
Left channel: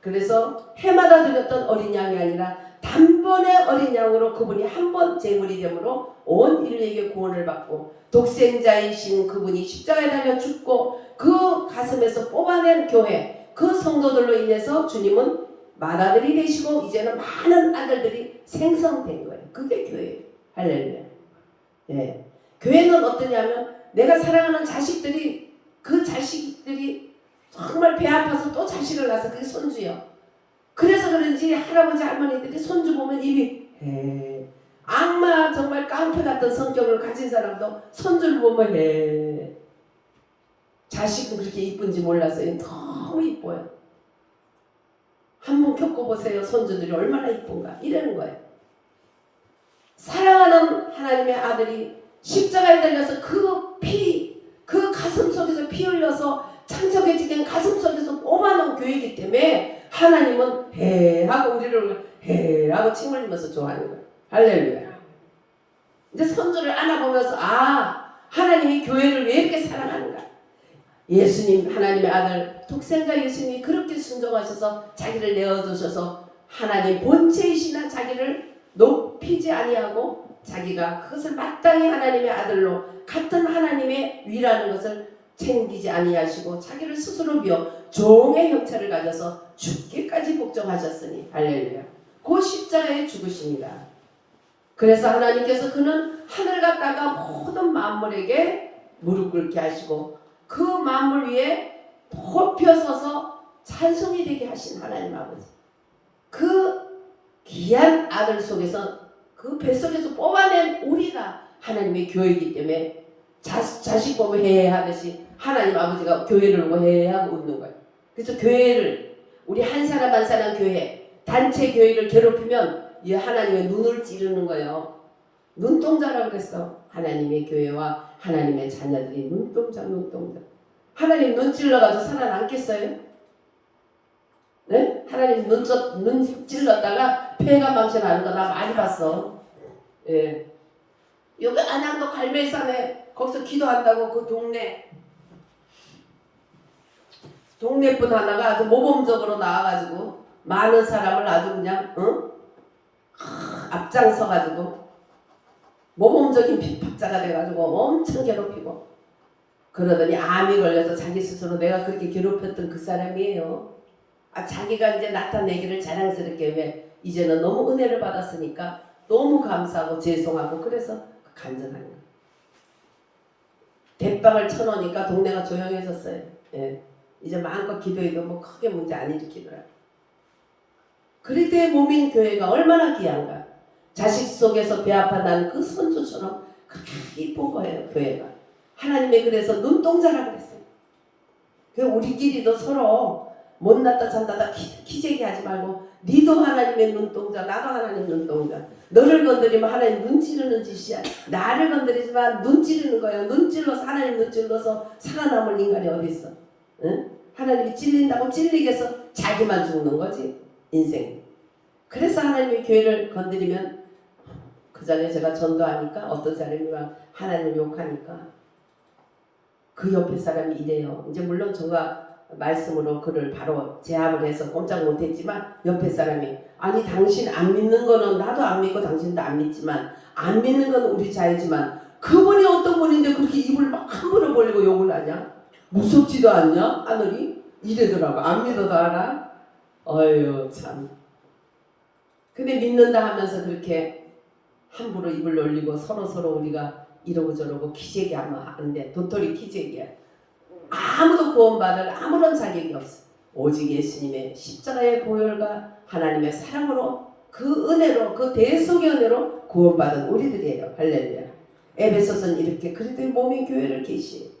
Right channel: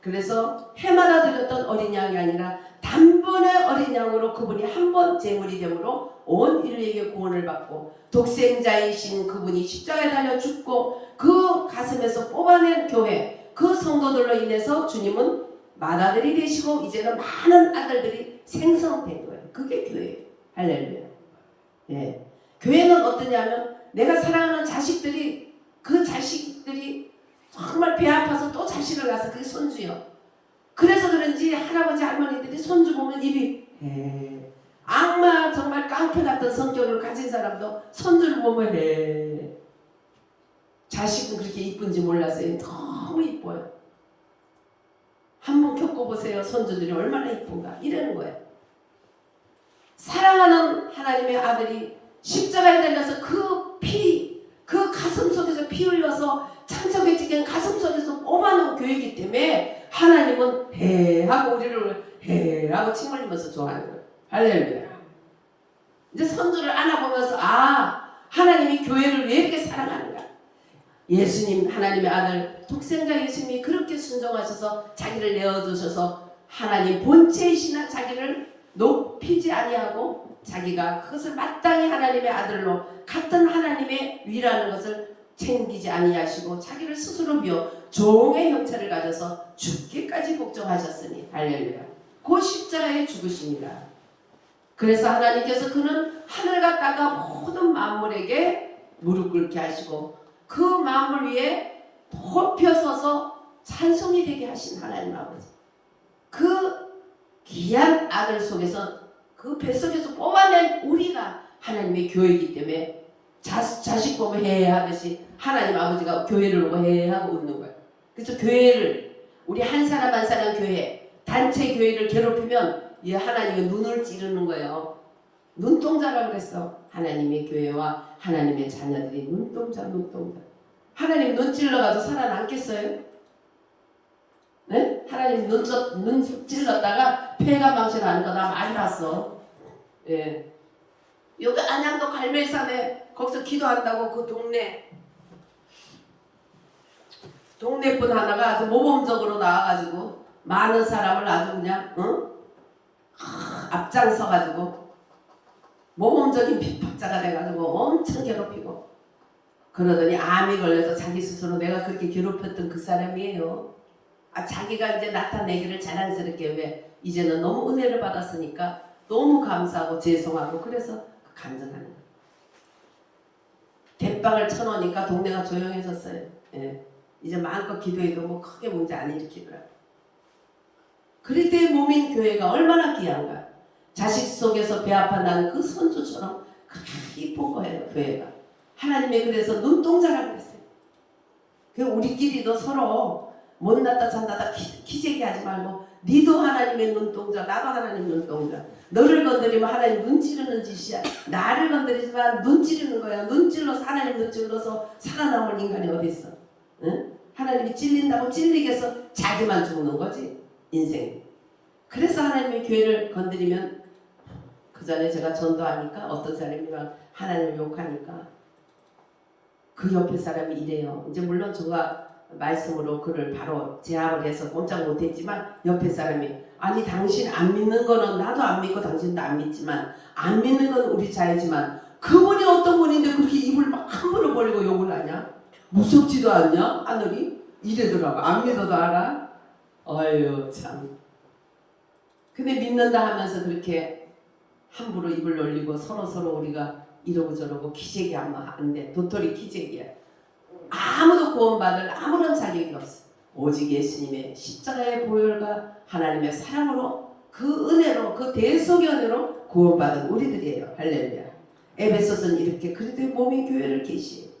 그래서 해마다 드렸던 어린 양이 아니라 단번에 어린 양으로 그분이 한 번 제물이 되므로 온 인류에게 구원을 받고 독생자이신 그분이 십자가에 달려 죽고 그 가슴에서 뽑아낸 교회 그 성도들로 인해서 주님은 맏아들이 되시고 이제는 많은 아들들이 생성된 거예요. 그게 교회예요. 할렐루야. 네. 교회는 어떠냐면 내가 사랑하는 자식들이 그 자식들이 정말 배 아파서 또 자식을 낳아서 그게 손주요. 그래서 그런지 할아버지 할머니들이 손주 보면 입이 악마 정말 깡패 같은 성격을 가진 사람도 손주를 보면 자식은 그렇게 이쁜지 몰랐어요. 너무 이뻐요. 한번 겪어보세요. 손주들이 얼마나 이쁜가 이러는 거예요. 사랑하는 하나님의 아들이 십자가에 달려서 그 피, 그 가슴 속에서 피 흘려서 창척해지게 가슴 속에서 뽑아놓은 교회이기 때문에 하나님은 하고 우리를 하고 침 흘리면서 좋아하는 거예요. 할렐루야. 이제 손주를 안아보면서 하나님이 교회를 왜 이렇게 사랑하는가. 예수님 하나님의 아들 독생자 예수님이 그렇게 순종하셔서 자기를 내어주셔서 하나님 본체이시나 자기를 높이지 아니하고 자기가 그것을 마땅히 하나님의 아들로 같은 하나님의 위라는 것을 챙기지 아니하시고 자기를 스스로 비워 종의 형체를 가져서 죽기까지 복종하셨으니 할렐루야. 그 십자가에 죽으십니다. 그래서 하나님께서 그는 하늘 갔다가 모든 만물에게 무릎 꿇게 하시고 그 만물 위에 높여 서서 찬송이 되게 하신 하나님 아버지. 그 귀한 아들 속에서 그 뱃속에서 뽑아낸 우리가 하나님의 교회이기 때문에 자식 보면 하듯이 하나님 아버지가 교회를 보고 하고 웃는 거예요. 그래서 교회를 우리 한 사람 한 사람 교회, 단체 교회를 괴롭히면 이 하나님의 눈을 찌르는 거예요. 눈동자라고 그랬어. 하나님의 교회와 하나님의 자녀들이 눈동자. 하나님 눈 찔러가지고 살아남겠어요? 네? 하나님 눈 찔렀다가 폐가 망신하는 거 나 많이 봤어. 예. 여기 안양도 갈매산에 거기서 기도한다고 그 동네 분 하나가 아주 모범적으로 나와가지고 많은 사람을 아주 그냥 앞장서가지고 모범적인 핍박자가 돼가지고 엄청 괴롭히고 그러더니 암이 걸려서 자기 스스로 내가 그렇게 괴롭혔던 그 사람이에요. 자기가 이제 나타내기를 자랑스럽게 왜 이제는 너무 은혜를 받았으니까 너무 감사하고 죄송하고 그래서 간증하는 거예요. 대빵을 쳐놓으니까 동네가 조용해졌어요. 예. 이제 마음껏 기도해도 뭐 크게 문제 안 일으키더라고요. 그럴 때 몸인 교회가 얼마나 귀한가. 자식 속에서 배아파 난 그 선주처럼 그렇게 이쁜 거예요. 교회가. 하나님의 그래서 눈동자라고 그랬어요. 우리끼리도 서로 못났다 잔다다 기재기 하지 말고 니도 하나님의 눈동자 나도 하나님 눈동자. 너를 건드리면 하나님 눈 찌르는 짓이야. 나를 건드리지만 눈 찌르는 거야. 눈 찔러서 하나님 눈 찔러서 살아남을 인간이 어디 있어. 응? 하나님이 찔린다고 찔리게 해서 자기만 죽는 거지. 인생. 그래서 하나님의 교회를 건드리면 그 전에 제가 전도하니까 어떤 사람이 막 하나님을 욕하니까 그 옆에 사람이 이래요. 이제 물론 제가 말씀으로 그를 바로 제압을 해서 꼼짝 못했지만 옆에 사람이 아니 당신 안 믿는 거는 나도 안 믿고 당신도 안 믿지만 안 믿는 건 우리 자유지만 그분이 어떤 분인데 그렇게 입을 막 함부로 벌리고 욕을 하냐? 무섭지도 않냐? 하늘이? 이래더라고. 안 믿어도 알아? 어휴 참. 근데 믿는다 하면서 그렇게 함부로 입을 놀리고 서로 우리가 이러고 저러고 기재기하면 안 돼. 도토리 기재기야. 아무도 구원받을 아무런 자격이 없어. 오직 예수님의 십자가의 보혈과 하나님의 사랑으로 그 은혜로 그 대속의 은혜로 구원받은 우리들이에요. 할렐루야. 에베소서는 이렇게 그리스도의 몸인 교회를 계시.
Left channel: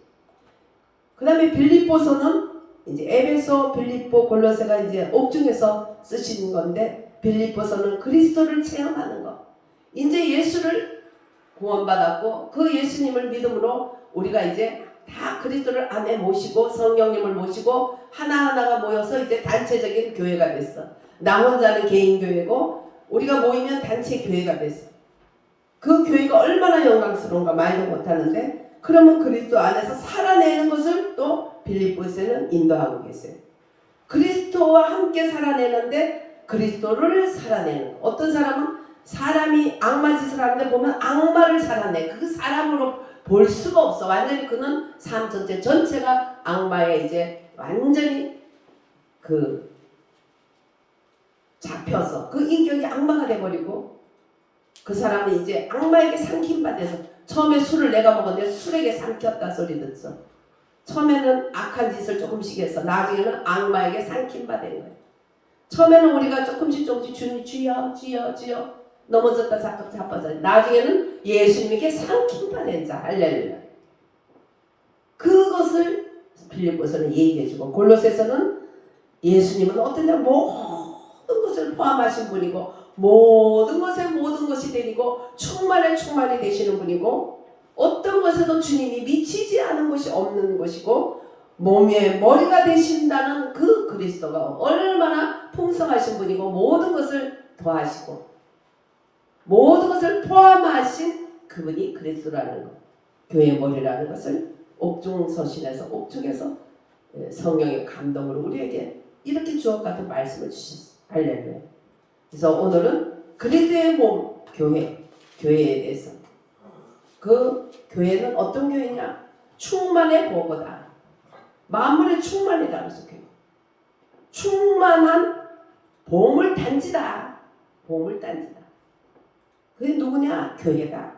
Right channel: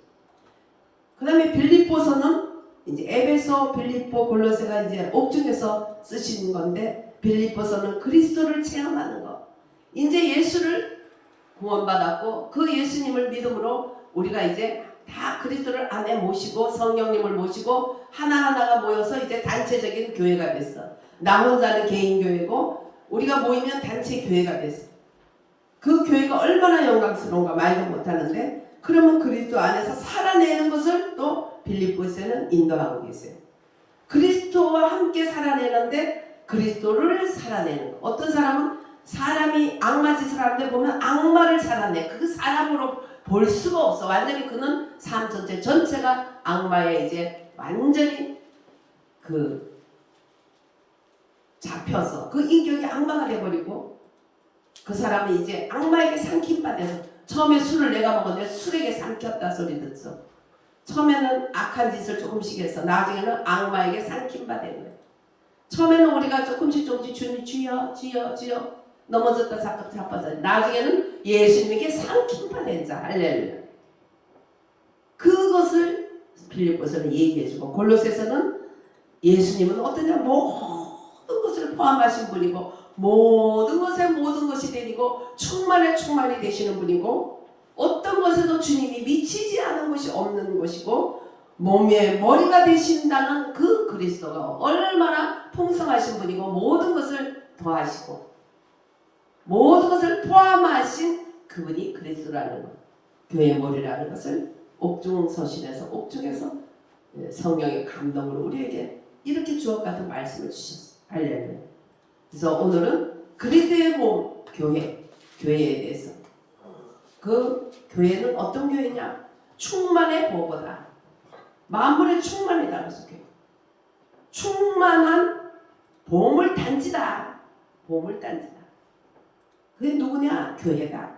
그 다음에 빌립보서는 이제 에베소, 빌립보, 골로새가 이제 옥중에서 쓰시는 건데 빌립보서는 그리스도를 체험하는 거. 이제 예수를 구원받았고 그 예수님을 믿음으로 우리가 이제 다 그리스도를 안에 모시고 성령님을 모시고 하나하나가 모여서 이제 단체적인 교회가 됐어. 나 혼자는 개인 교회고 우리가 모이면 단체 교회가 됐어. 그 교회가 얼마나 영광스러운가 말도 못하는데 그러면 그리스도 안에서 살아내는 것을 또 빌립보에서는 인도하고 계세요. 그리스도와 함께 살아내는데 그리스도를 살아내는 거. 어떤 사람은 사람이 악마 짓을 하는데 보면 악마를 살아내. 그 사람으로 볼 수가 없어. 완전히 그는 삶 전체가 악마에 이제 완전히 그 잡혀서 그 인격이 악마가 돼버리고 그 사람은 이제 악마에게 삼킴받아서 처음에 술을 내가 먹었는데 술에게 삼켰다 소리 듣죠. 처음에는 악한 짓을 조금씩 해서 나중에는 악마에게 삼킴받은 거예요. 처음에는 우리가 조금씩 주님 주여 넘어졌다 자빠져 나중에는 예수님에게 삼킴받은 자. 할렐루야. 그것을 빌립보서는 얘기해주고 골로새서는 예수님은 어떠냐 모든 것을 포함하신 분이고 모든 것에 모든 것이 되고 충만이 되시는 분이고 어떤 것에도 주님이 미치지 않은 것이 없는 것이고 몸의 머리가 되신다는 그 그리스도가 얼마나 풍성하신 분이고 모든 것을 더하시고 모든 것을 포함하신 그분이 그리스도라는 것, 교회의 머리라는 것을 옥중서신에서 옥중에서 성령의 감동으로 우리에게 이렇게 주옥 같은 말씀을 주셨어요. 할렐루야. 그래서 오늘은 그리스도의 몸 교회에 대해서 그 교회는 어떤 교회냐? 충만의 보고다. 만물의 충만이다. 그래서 교회. 충만한 보물단지다. 보물단지다. 그게 누구냐? 교회다.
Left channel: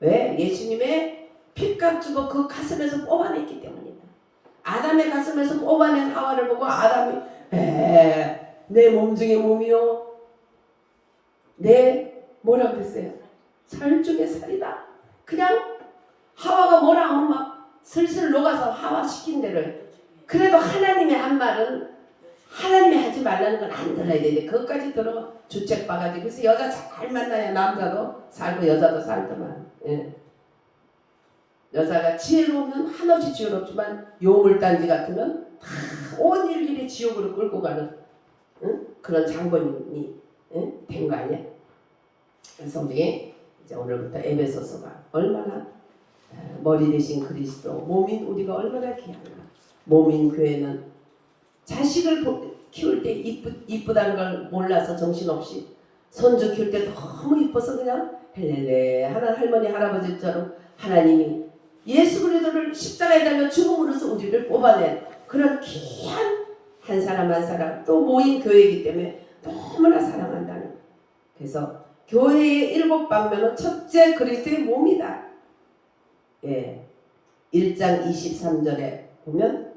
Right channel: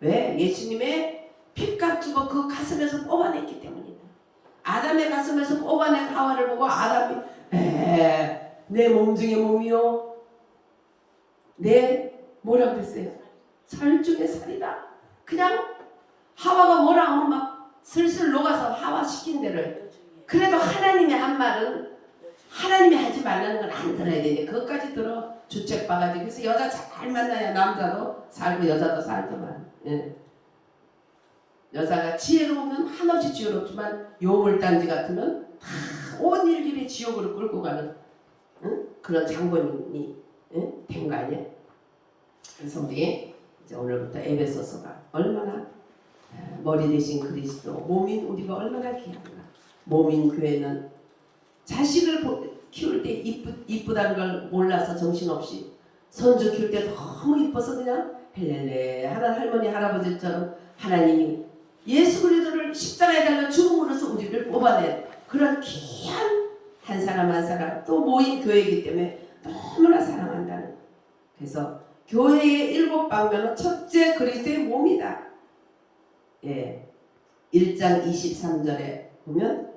왜? 예수님의 피값 주고 그 가슴에서 뽑아냈기 때문이다. 아담의 가슴에서 뽑아낸 하와를 보고 아담이 내 몸 중에 몸이요. 내 뭐라고 그랬어요? 살 중에 살이다. 그냥 하와가 뭐라 하면 막 슬슬 녹아서 하와 시킨 대로. 그래도 하나님의 한 말은 하나님이 하지 말라는 건 안 들어야 되는데 그것까지 들어 주책 봐가지고. 그래서 여자 잘 만나야 남자도 살고 여자도 살더만. 예. 여자가 지혜로우면 한없이 지혜롭지만 요물단지 같으면 다 온 일일이 지옥으로 끌고 가는, 응? 그런 장본인이, 응? 된 거 아니야? 그래서 우리 이제 오늘부터 에베소서가 얼마나 머리 대신 그리스도 몸인 우리가 얼마나 귀한가. 몸인 교회는 자식을 키울 때 이쁘다는 걸 몰라서 정신없이 손주 키울 때 너무 이뻐서 그냥 헬렐레 하는 할머니 할아버지처럼 하나님이 예수 그리스도를 십자가에 달려 죽음으로써 우리를 뽑아낸 그런 귀한 한 사람 한 사람, 또 모인 교회이기 때문에 너무나 사랑한다는. 그래서 교회의 7방면은 첫째 그리스도의 몸이다. 예, 1장 23절에 보면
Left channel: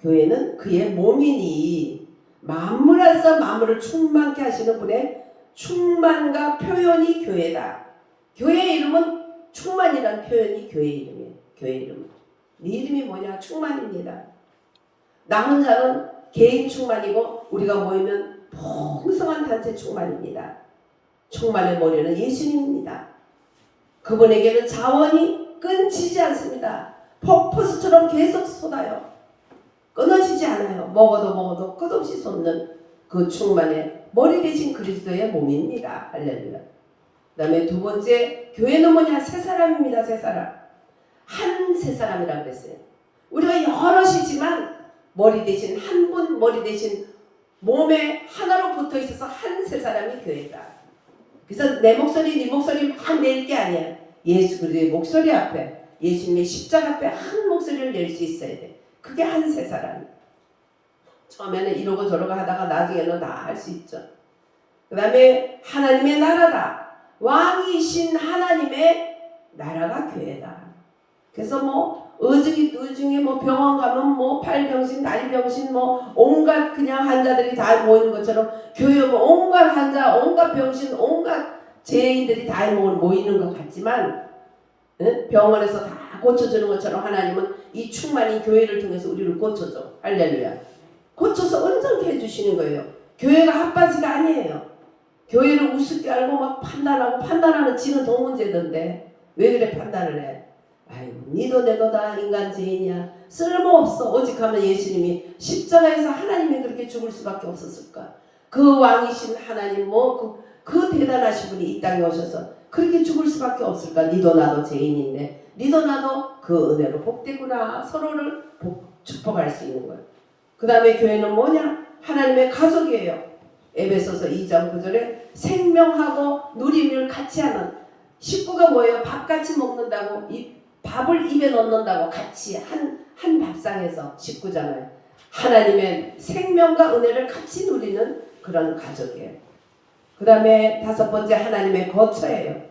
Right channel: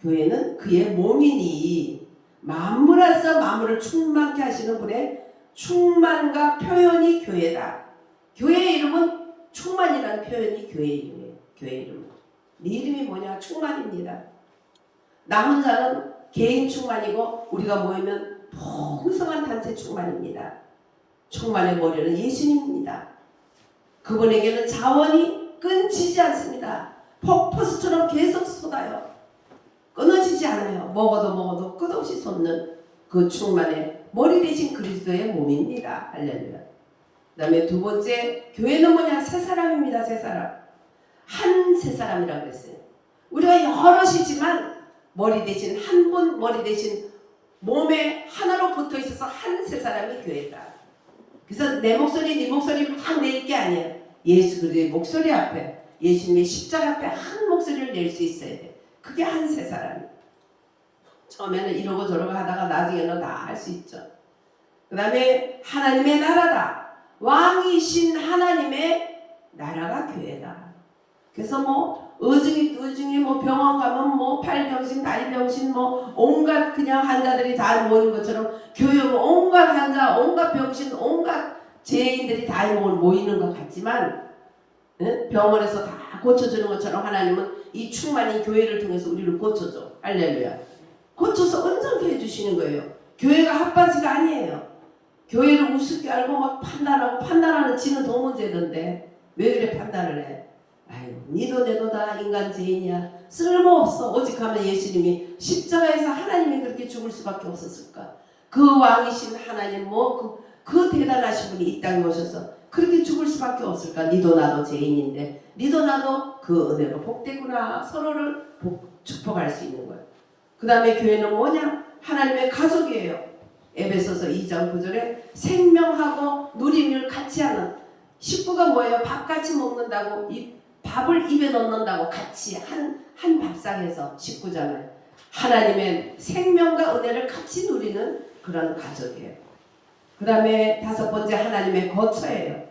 교회는 그의 몸이니 만물에서 만물을 충만케 하시는 분의 충만과 표현이 교회다. 교회의 이름은 충만이라는 표현이 교회 이름이에요. 교회 이름. 네 이름이 뭐냐? 충만입니다. 나 혼자는 개인 충만이고 우리가 모이면 풍성한 단체 충만입니다. 충만의 머리는 예수님입니다. 그분에게는 자원이 끊지지 않습니다. 폭포수처럼 계속 쏟아요. 끊어지지 않아요. 먹어도 끝없이 쏟는 그 충만의 머리 대신 그리스도의 몸입니다. 할렐루야. 그 다음에 두 번째, 교회는 뭐냐? 세 사람입니다. 세 사람. 한 세 사람이라고 그랬어요. 우리가 여럿이지만 머리 대신 한 분, 머리 대신 몸에 하나로 붙어 있어서 한 세 사람이 교회다. 그래서 내 목소리, 네 목소리 막 낼 게 아니야. 예수 그리스도의 목소리 앞에, 예수님의 십자가 앞에 한 목소리를 낼 수 있어야 돼. 그게 한 세 사람. 처음에는 이러고 저러고 하다가 나중에는 다 할 수 있죠. 그 다음에 하나님의 나라다. 왕이신 하나님의 나라가 교회다. 그래서 뭐 의중이 뭐 병원 가면 뭐 팔병신, 다리병신 뭐 온갖 그냥 환자들이 다 모이는 것처럼 교회 뭐 온갖 환자, 온갖 병신, 온갖 죄인들이 다 모이는 것 같지만, 응? 병원에서 다 고쳐주는 것처럼 하나님은 이 충만인 교회를 통해서 우리를 고쳐줘. 할렐루야. 고쳐서 온전케 해주시는 거예요. 교회가 핫바지가 아니에요. 교회를 우습게 알고 막 판단하는 지는 동문제던데 왜 그래 판단을 해? 아유, 니도 내도 다 인간 죄인이야. 쓸모없어. 오직 하면 예수님이 십자가에서 하나님이 그렇게 죽을 수밖에 없었을까? 그 왕이신 하나님 그 대단하신 분이 이 땅에 오셔서 그렇게 죽을 수밖에 없을까? 니도 나도 죄인인데 니도 나도 그 은혜로 복되구나. 서로를 축복할 수 있는 거예요. 그 다음에 교회는 뭐냐? 하나님의 가족이에요. 에베소서 2장 9절에 생명하고 누림을 같이 하는, 식구가 뭐예요? 밥 같이 먹는다고, 밥을 입에 넣는다고 같이 한 밥상에서 식구잖아요. 하나님의 생명과 은혜를 같이 누리는 그런 가족이에요. 그 다음에 다섯 번째, 하나님의 거처예요.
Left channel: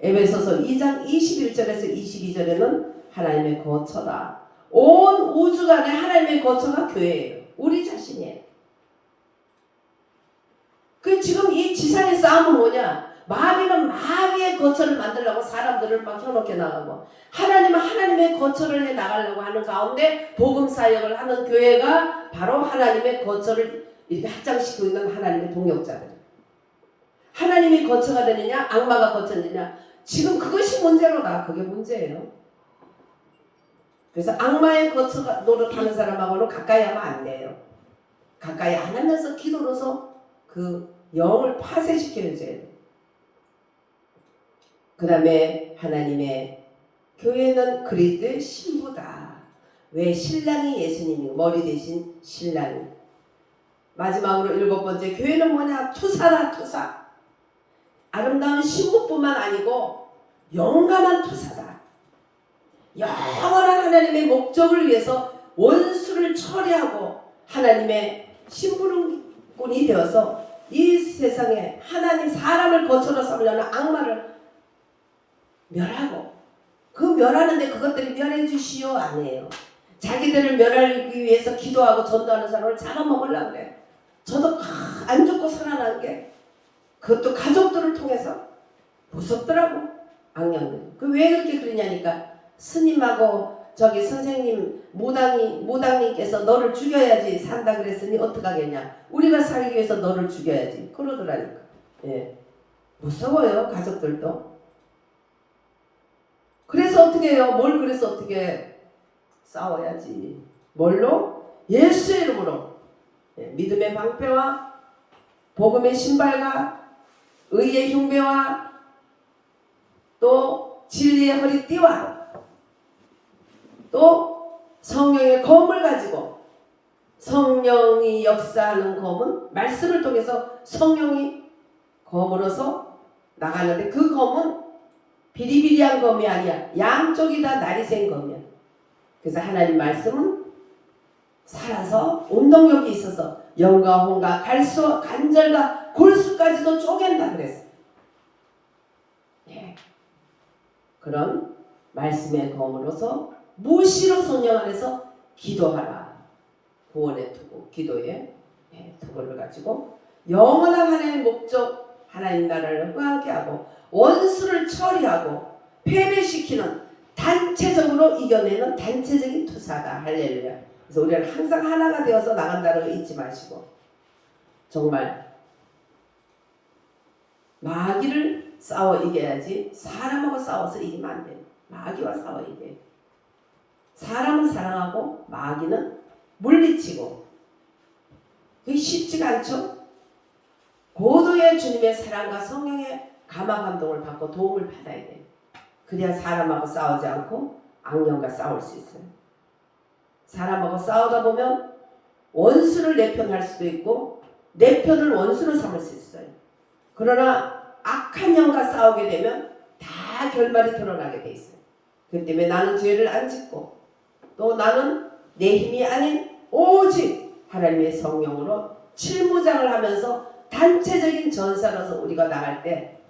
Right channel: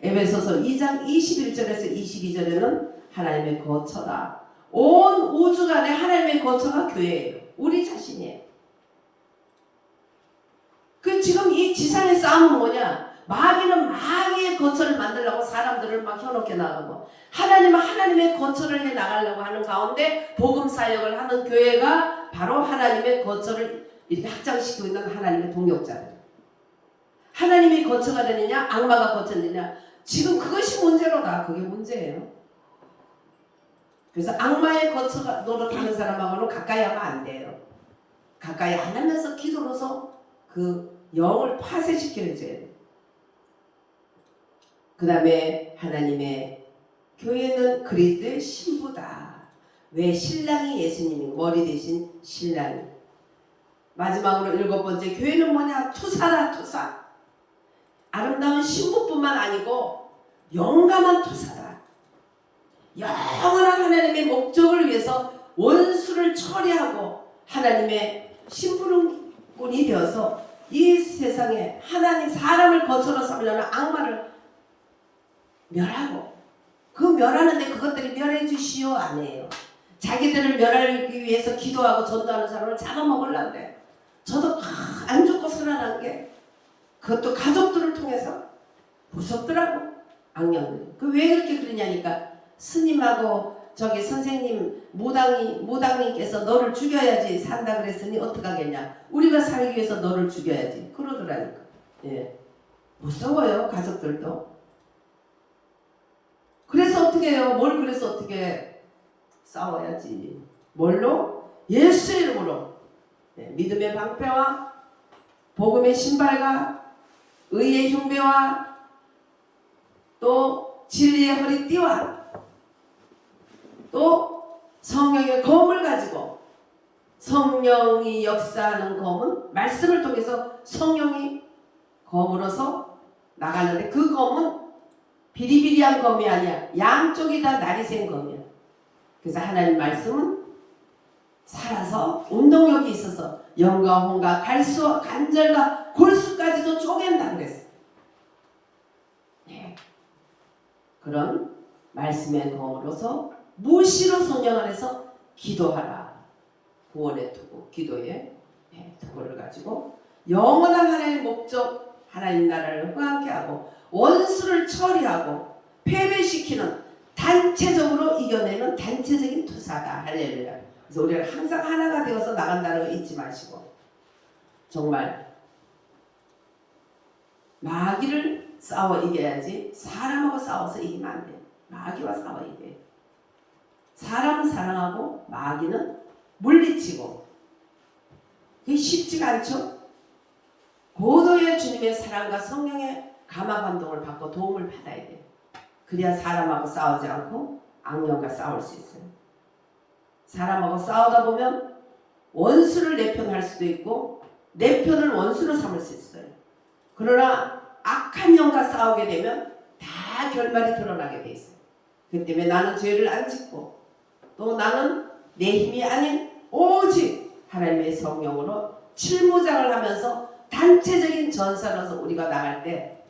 에베소서 2장 21절에서 22절에는 하나님의 거처다. 온 우주간에 하나님의 거처가 교회예요. 우리 자신이에요. 그 지금 이 지상의 싸움은 뭐냐? 마귀는 마귀의 거처를 만들려고 사람들을 막 혀놓게 나가고, 하나님은 하나님의 거처를 해 나가려고 하는 가운데 복음 사역을 하는 교회가 바로 하나님의 거처를 이렇게 확장시키고 있는 하나님의 동역자들. 하나님이 거처가 되느냐, 악마가 거처가 되느냐, 지금 그것이 문제로다. 그게 문제예요. 그래서 악마의 거처가 노릇하는 사람하고는 가까이 하면 안 돼요. 가까이 안 하면서 기도로서 그 영을 파쇄시키는 죄. 그 다음에 하나님의 교회는 그리스도의 신부다. 왜? 신랑이 예수님이고 머리 대신 신랑이. 마지막으로 일곱 번째, 교회는 뭐냐? 투사다. 투사. 아름다운 신부뿐만 아니고 용감한 투사다. 영원한 하나님의 목적을 위해서 원수를 처리하고 하나님의 심부름꾼이 되어서 이 세상에 하나님 사람을 거처로 삼으려는 악마를 멸하고, 그 멸하는데 그것들이 멸해 주시오 아니에요. 자기들을 멸하기 위해서 기도하고 전도하는 사람을 잡아먹으려고 그래. 저도 안 죽고 살아난 게 그것도 가족들을 통해서 무섭더라고. 악령들이. 그 왜 그렇게 그러냐니까 스님하고 저기 선생님 무당님께서 너를 죽여야지 산다 그랬으니 어떡하겠냐. 우리가 살기 위해서 너를 죽여야지. 그러더라니까. 예. 무서워요 가족들도. 그래서 어떻게 해요? 뭘 그래서 어떻게 싸워야지. 뭘로? 예수 이름으로. 예. 믿음의 방패와 복음의 신발과 의의 흉배와 또 진리의 허리띠와 또 성령의 검을 가지고, 성령이 역사하는 검은 말씀을 통해서 성령이 검으로서 나가는데, 그 검은 비리비리한 검이 아니야. 양쪽이 다 날이 센 검이야. 그래서 하나님 말씀은 살아서 운동력이 있어서 영과 혼과 갈수 간절과 골수까지도 쪼갠다 그랬어. 예. 그런 말씀의 검으로서 무시로 성령 안에서 기도하라. 구원의 투구, 기도의 투구를 가지고 영원한 하나님의 목적, 하나님 나라를 흥하게 하고 원수를 처리하고 패배시키는, 단체적으로 이겨내는 단체적인 투사다. 할렐루야. 그래서 우리는 항상 하나가 되어서 나간다는 거 잊지 마시고, 정말 마귀를 싸워 이겨야지 사람하고 싸워서 이기면 안 돼. 마귀와 싸워 이겨. 사람은 사랑하고 마귀는 물리치고. 그게 쉽지가 않죠. 고도의 주님의 사랑과 성령의 감화 감동을 받고 도움을 받아야 돼. 그래야 사람하고 싸우지 않고 악령과 싸울 수 있어요. 사람하고 싸우다 보면 원수를 내 편 할 수도 있고 내 편을 원수로 삼을 수 있어요. 그러나 악한 영과 싸우게 되면 다 결말이 드러나게 돼 있어요. 그 때문에 나는 죄를 안 짓고 또 나는 내 힘이 아닌 오직 하나님의 성령으로 칠무장을 하면서 단체적인 전사로서 우리가 나갈 때,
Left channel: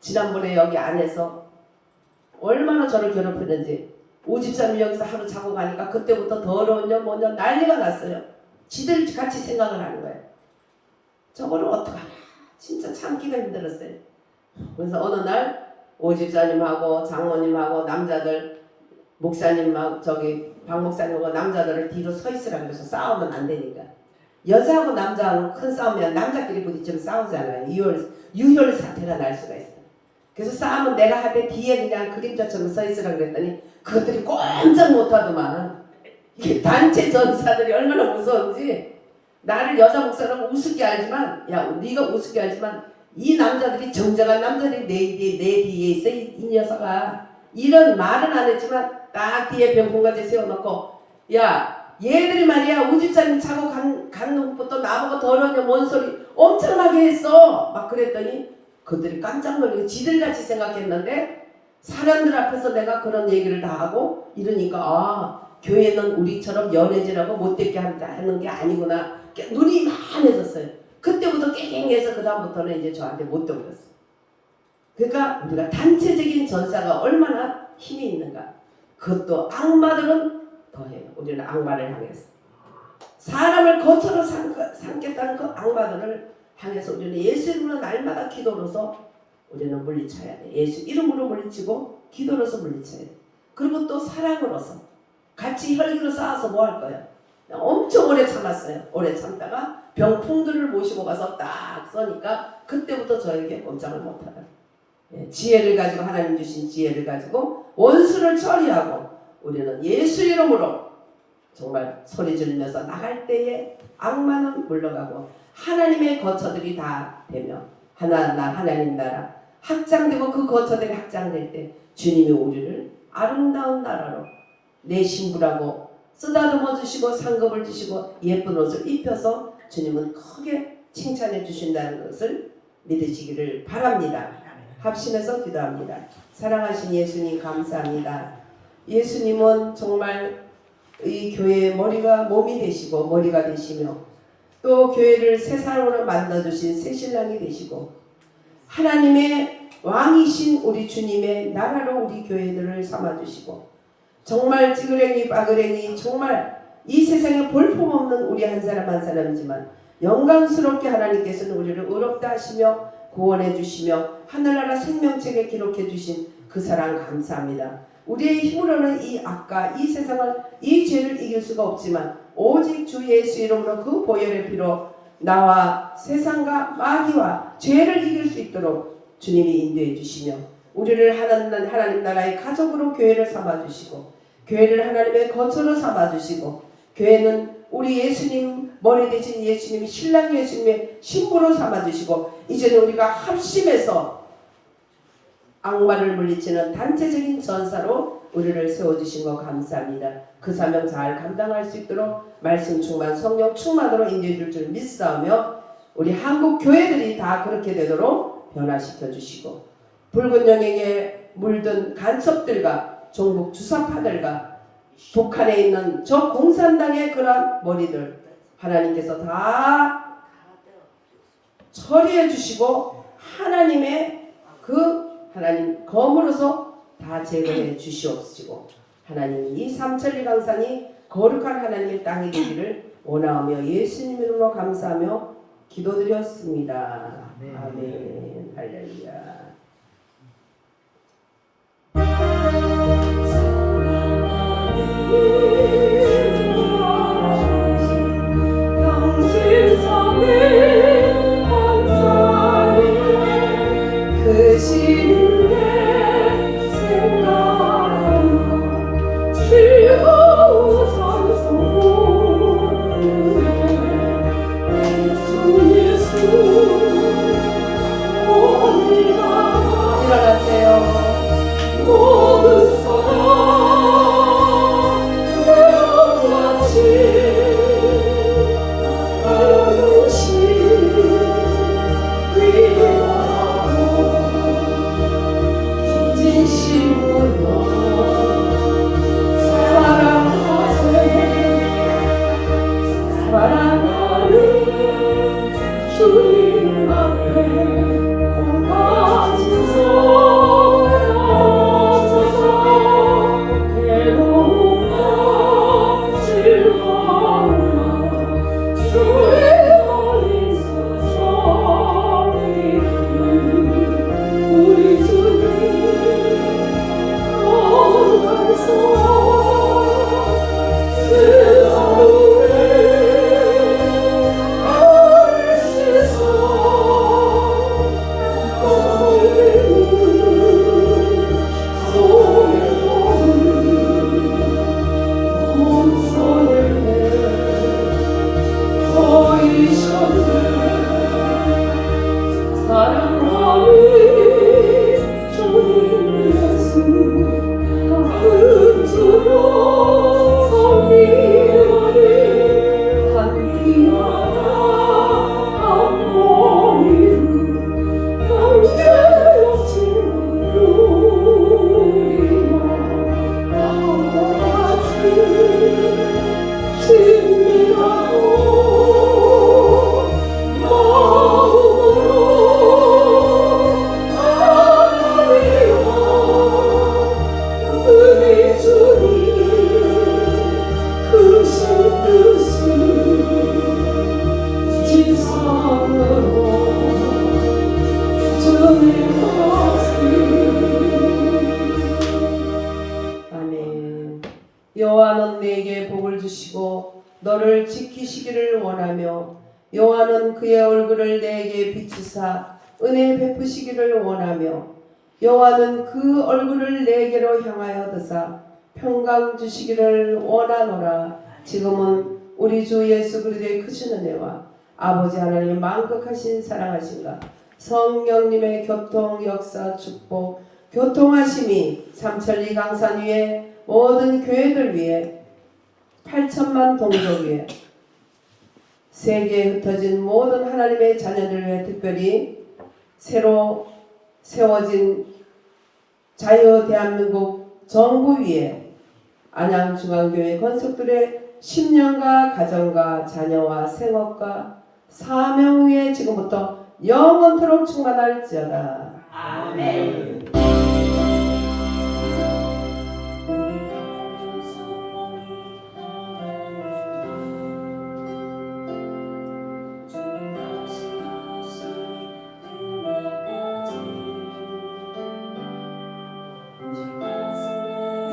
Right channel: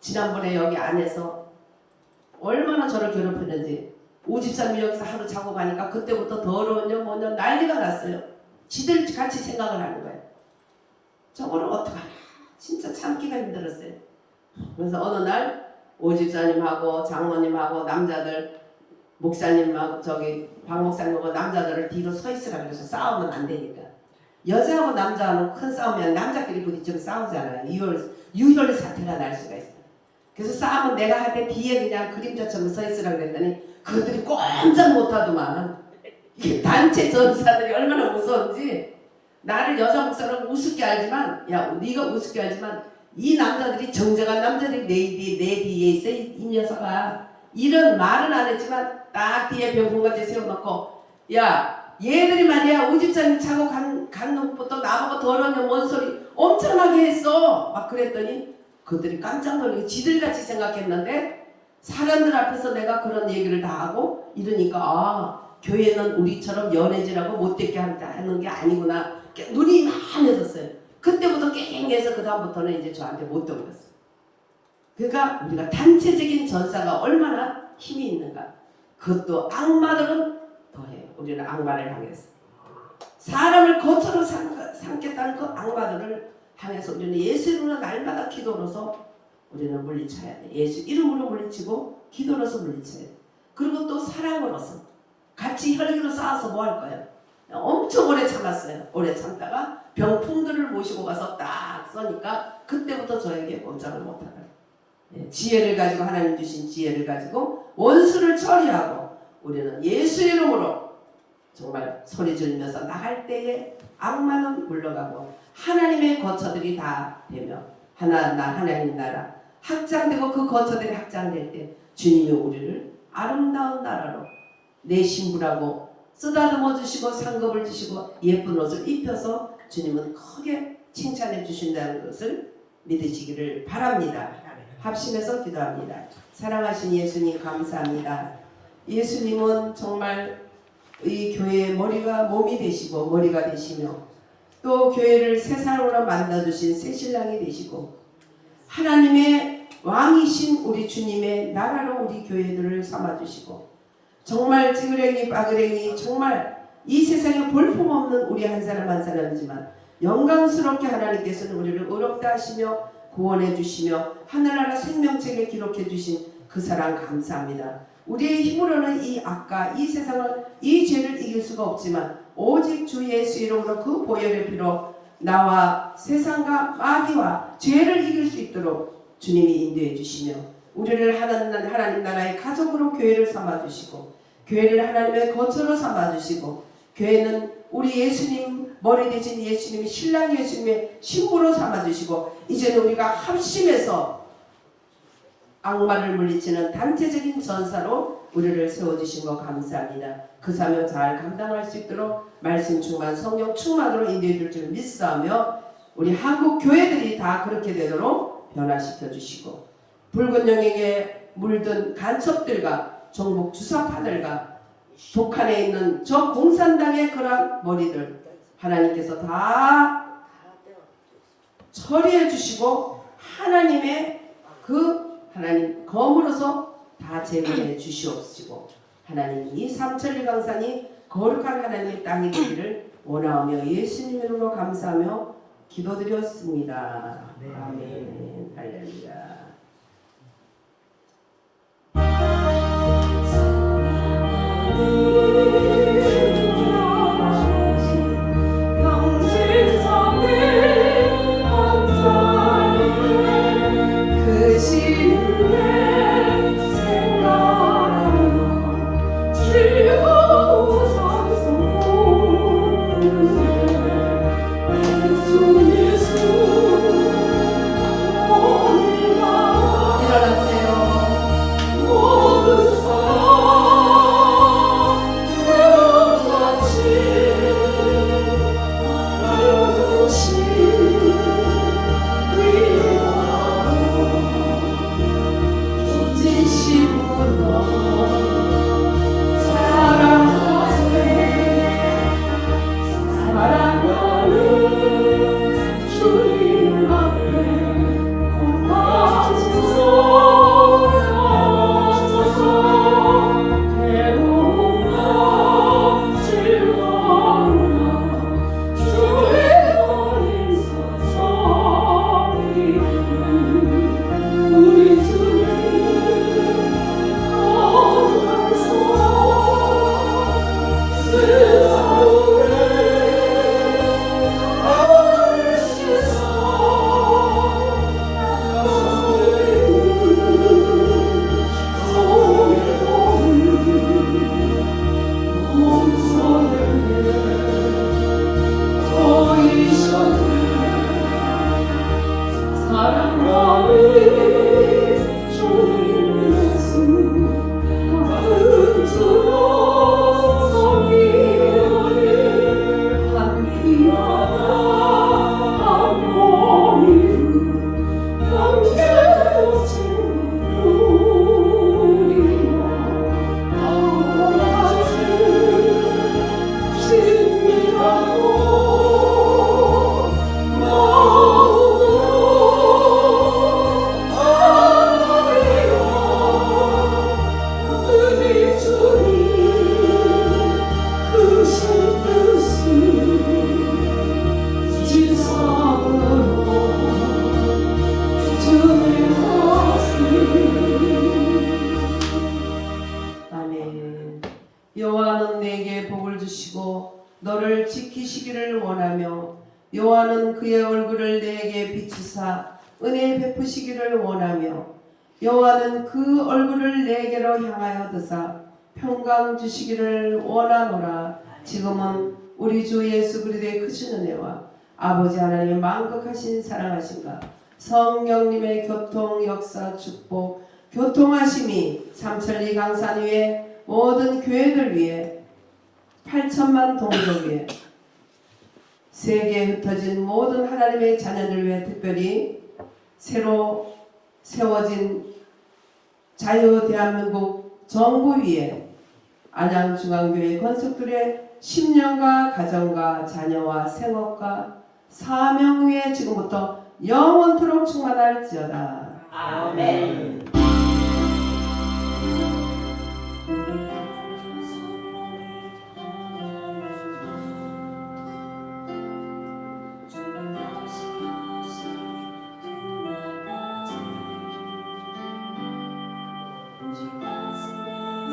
지난번에 여기 안에서 얼마나 저를 괴롭히는지, 오집사님이 여기서 하루 자고 가니까 그때부터 더러운냐 뭐냐 난리가 났어요. 지들 같이 생각을 하는 거예요. 저거를 어떡하나 진짜 참기가 힘들었어요. 그래서 어느 날 오집사님하고 장로님하고 남자들, 목사님하고 저기 박 목사님하고 남자들을 뒤로 서 있으라 그래서 싸우면 안 되니까. 여자하고 남자하고 큰 싸움이면 남자끼리 부딪히면 싸우잖아요. 유혈 사태가 날 수가 있어요. 그래서 싸움은 내가 할 때 뒤에 그냥 그림자처럼 서 있으라 그랬더니 그것들이 꼼짝 못하더만. 이게 단체 전사들이 얼마나 무서운지. 나를 여자 목사라고 우습게 알지만, 야 네가 우습게 알지만 이 남자들이, 정정한 남자들이 내 뒤에 있어. 이 녀석아. 이런 말은 안 했지만 딱 뒤에 병풍같이 세워놓고, 야 얘들이 말이야 우집사님 차고 간 것부터 나보고 더러우면 뭔 소리 엄청나게 했어. 막 그랬더니 그들이 깜짝 놀라고 지들같이 생각했는데, 사람들 앞에서 내가 그런 얘기를 다 하고 이러니까 교회는 우리처럼 연애질하고 못되게 하는 게 아니구나. 눈이 많아졌어요. 그때부터 깨갱해서 그 다음부터는 이제 저한테 못 들었어요. 그러니까 우리가 단체적인 전사가 얼마나 힘이 있는가. 그것도 악마들은 더해요. 우리는 악마를 향해서 사람을 거처로 삼겠다는 그 악마들을 향해서 우리는 예수 이름으로 날마다 기도로서 우리는 물리쳐야 돼. 예수 이름으로 물리치고 기도로서 물리쳐야 돼. 그리고 또 사랑으로서 같이 혈기로 싸워서 뭐 할 거야. 엄청 오래 참았어요. 오래 참다가 병풍들을 모시고 가서 딱 써니까 그때부터 저에게 꼼짝을 못하더라. 지혜를 가지고, 하나님 주신 지혜를 가지고 원수를 처리하고 우리는 예수 이름으로 정말 소리 지르면서 나갈 때에 악마는 물러가고 하나님의 거처들이 다 되며 하나님 나라 확장되고, 그 거처들이 확장될 때 주님이 우리를 아름다운 나라로 내 신부라고 쓰다듬어 주시고 상급을 주시고 예쁜 옷을 입혀서 주님은 크게 칭찬해 주신다는 것을 믿으시기를 바랍니다. 합심해서 기도합니다. 사랑하신 예수님 감사합니다. 예수님은 정말 이 교회의 몸이 되시고 머리가 되시며, 또 교회를 새 사람으로 만들어주신 새 신랑이 되시고, 하나님의 왕이신 우리 주님의 나라로 우리 교회들을 삼아주시고, 정말 찌그레기 바그레기 정말 이 세상에 볼품없는 우리 한 사람 한 사람이지만 영광스럽게 하나님께서는 우리를 의롭다 하시며 구원해 주시며 하늘나라 생명책에 기록해 주신 그 사랑 감사합니다. 우리의 힘으로는 이 악과 이 세상을 이 죄를 이길 수가 없지만 오직 주 예수 이름으로 그 보혈의 피로 나와 세상과 마귀와 죄를 이길 수 있도록 주님이 인도해 주시며 우리를 하나님 나라의 가족으로 교회를 삼아 주시고 교회를 하나님의 거처로 삼아 주시고 교회는 우리 예수님 머리 대신 예수님이 신랑 예수님의 신부로 삼아 주시고 이제는 우리가 합심해서 악마를 물리치는 단체적인 전사로 우리를 세워주신 것 감사합니다. 그 사명 잘 감당할 수 있도록 말씀 충만 성령 충만으로 인도해 줄 줄 믿사오며 우리 한국 교회들이 다 그렇게 되도록 변화시켜 주시고 붉은 영역에 물든 간첩들과 종북 주사파들과 북한에 있는 저 공산당의 그런 머리들 하나님께서 다 처리해 주시고 하나님의 그 하나님 검으로서 다 제거해 주시옵시고 하나님 이 삼천리 강산이 거룩한 하나님의 땅이 되기를 원하오며 예수님 이름으로 감사하며 기도드렸습니다. 아멘. 할렐루야. 그 시는 내 생각하며 즐거운 찬송 부르네 주 예수 오니가 일어나세요 모든 사람 내가 같이 주님 앞에 온갖 진성 주소서 괴로움과 즐거움과 주의 어린 서성이 우리 주님 거룩하소 아멘. 여호와는 내게 복을 주시고 너를 지키시기를 원하며 여호와는 그의 얼굴을 내게 비추사 은혜 베푸시기를 원하며 여호와는 그 얼굴을 내게로 향하여 드사 평강 주시기를 원하노라. 지금은 우리 주 예수 그리스도의 크신 은혜와 아버지 하나님의 만극하신 사랑하신가 성령님의 교통 역사 축복 교통하심이 삼천리 강산 위에 모든 교회들 위에 8천만 동족 위에 세계에 흩어진 모든 하나님의 자녀들 위해 특별히 새로 세워진 자유 대한민국 정부 위에 안양중앙교회 건석들의 10년과 가정과 자녀와 생업과 사명 위에 지금부터 영원토록 충만할지어다. 아멘. 주 가슴에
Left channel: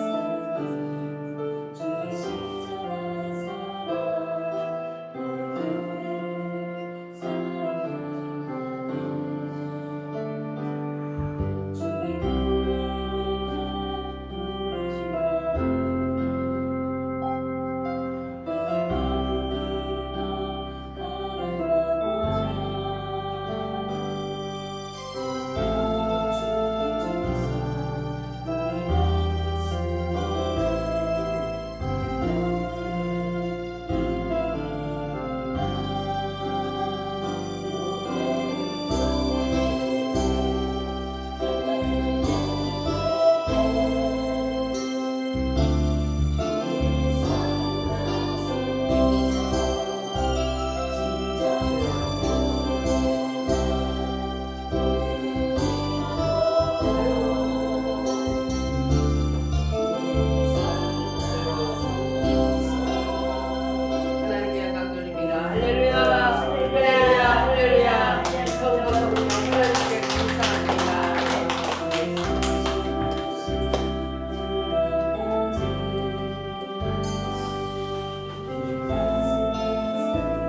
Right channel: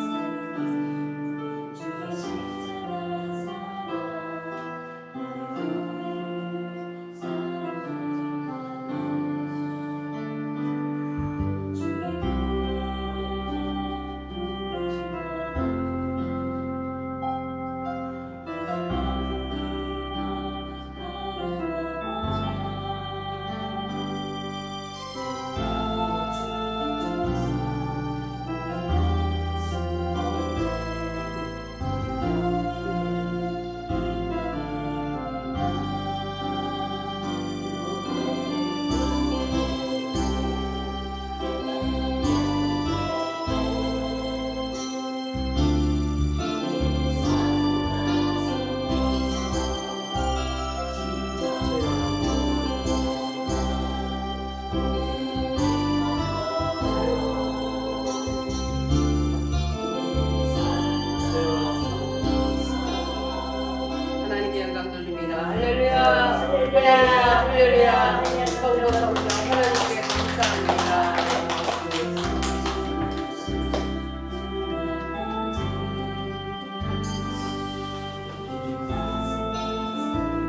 감사합니다.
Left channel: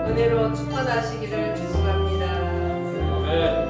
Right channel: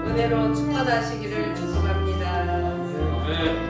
은혜로 충만하시기를 축복합니다.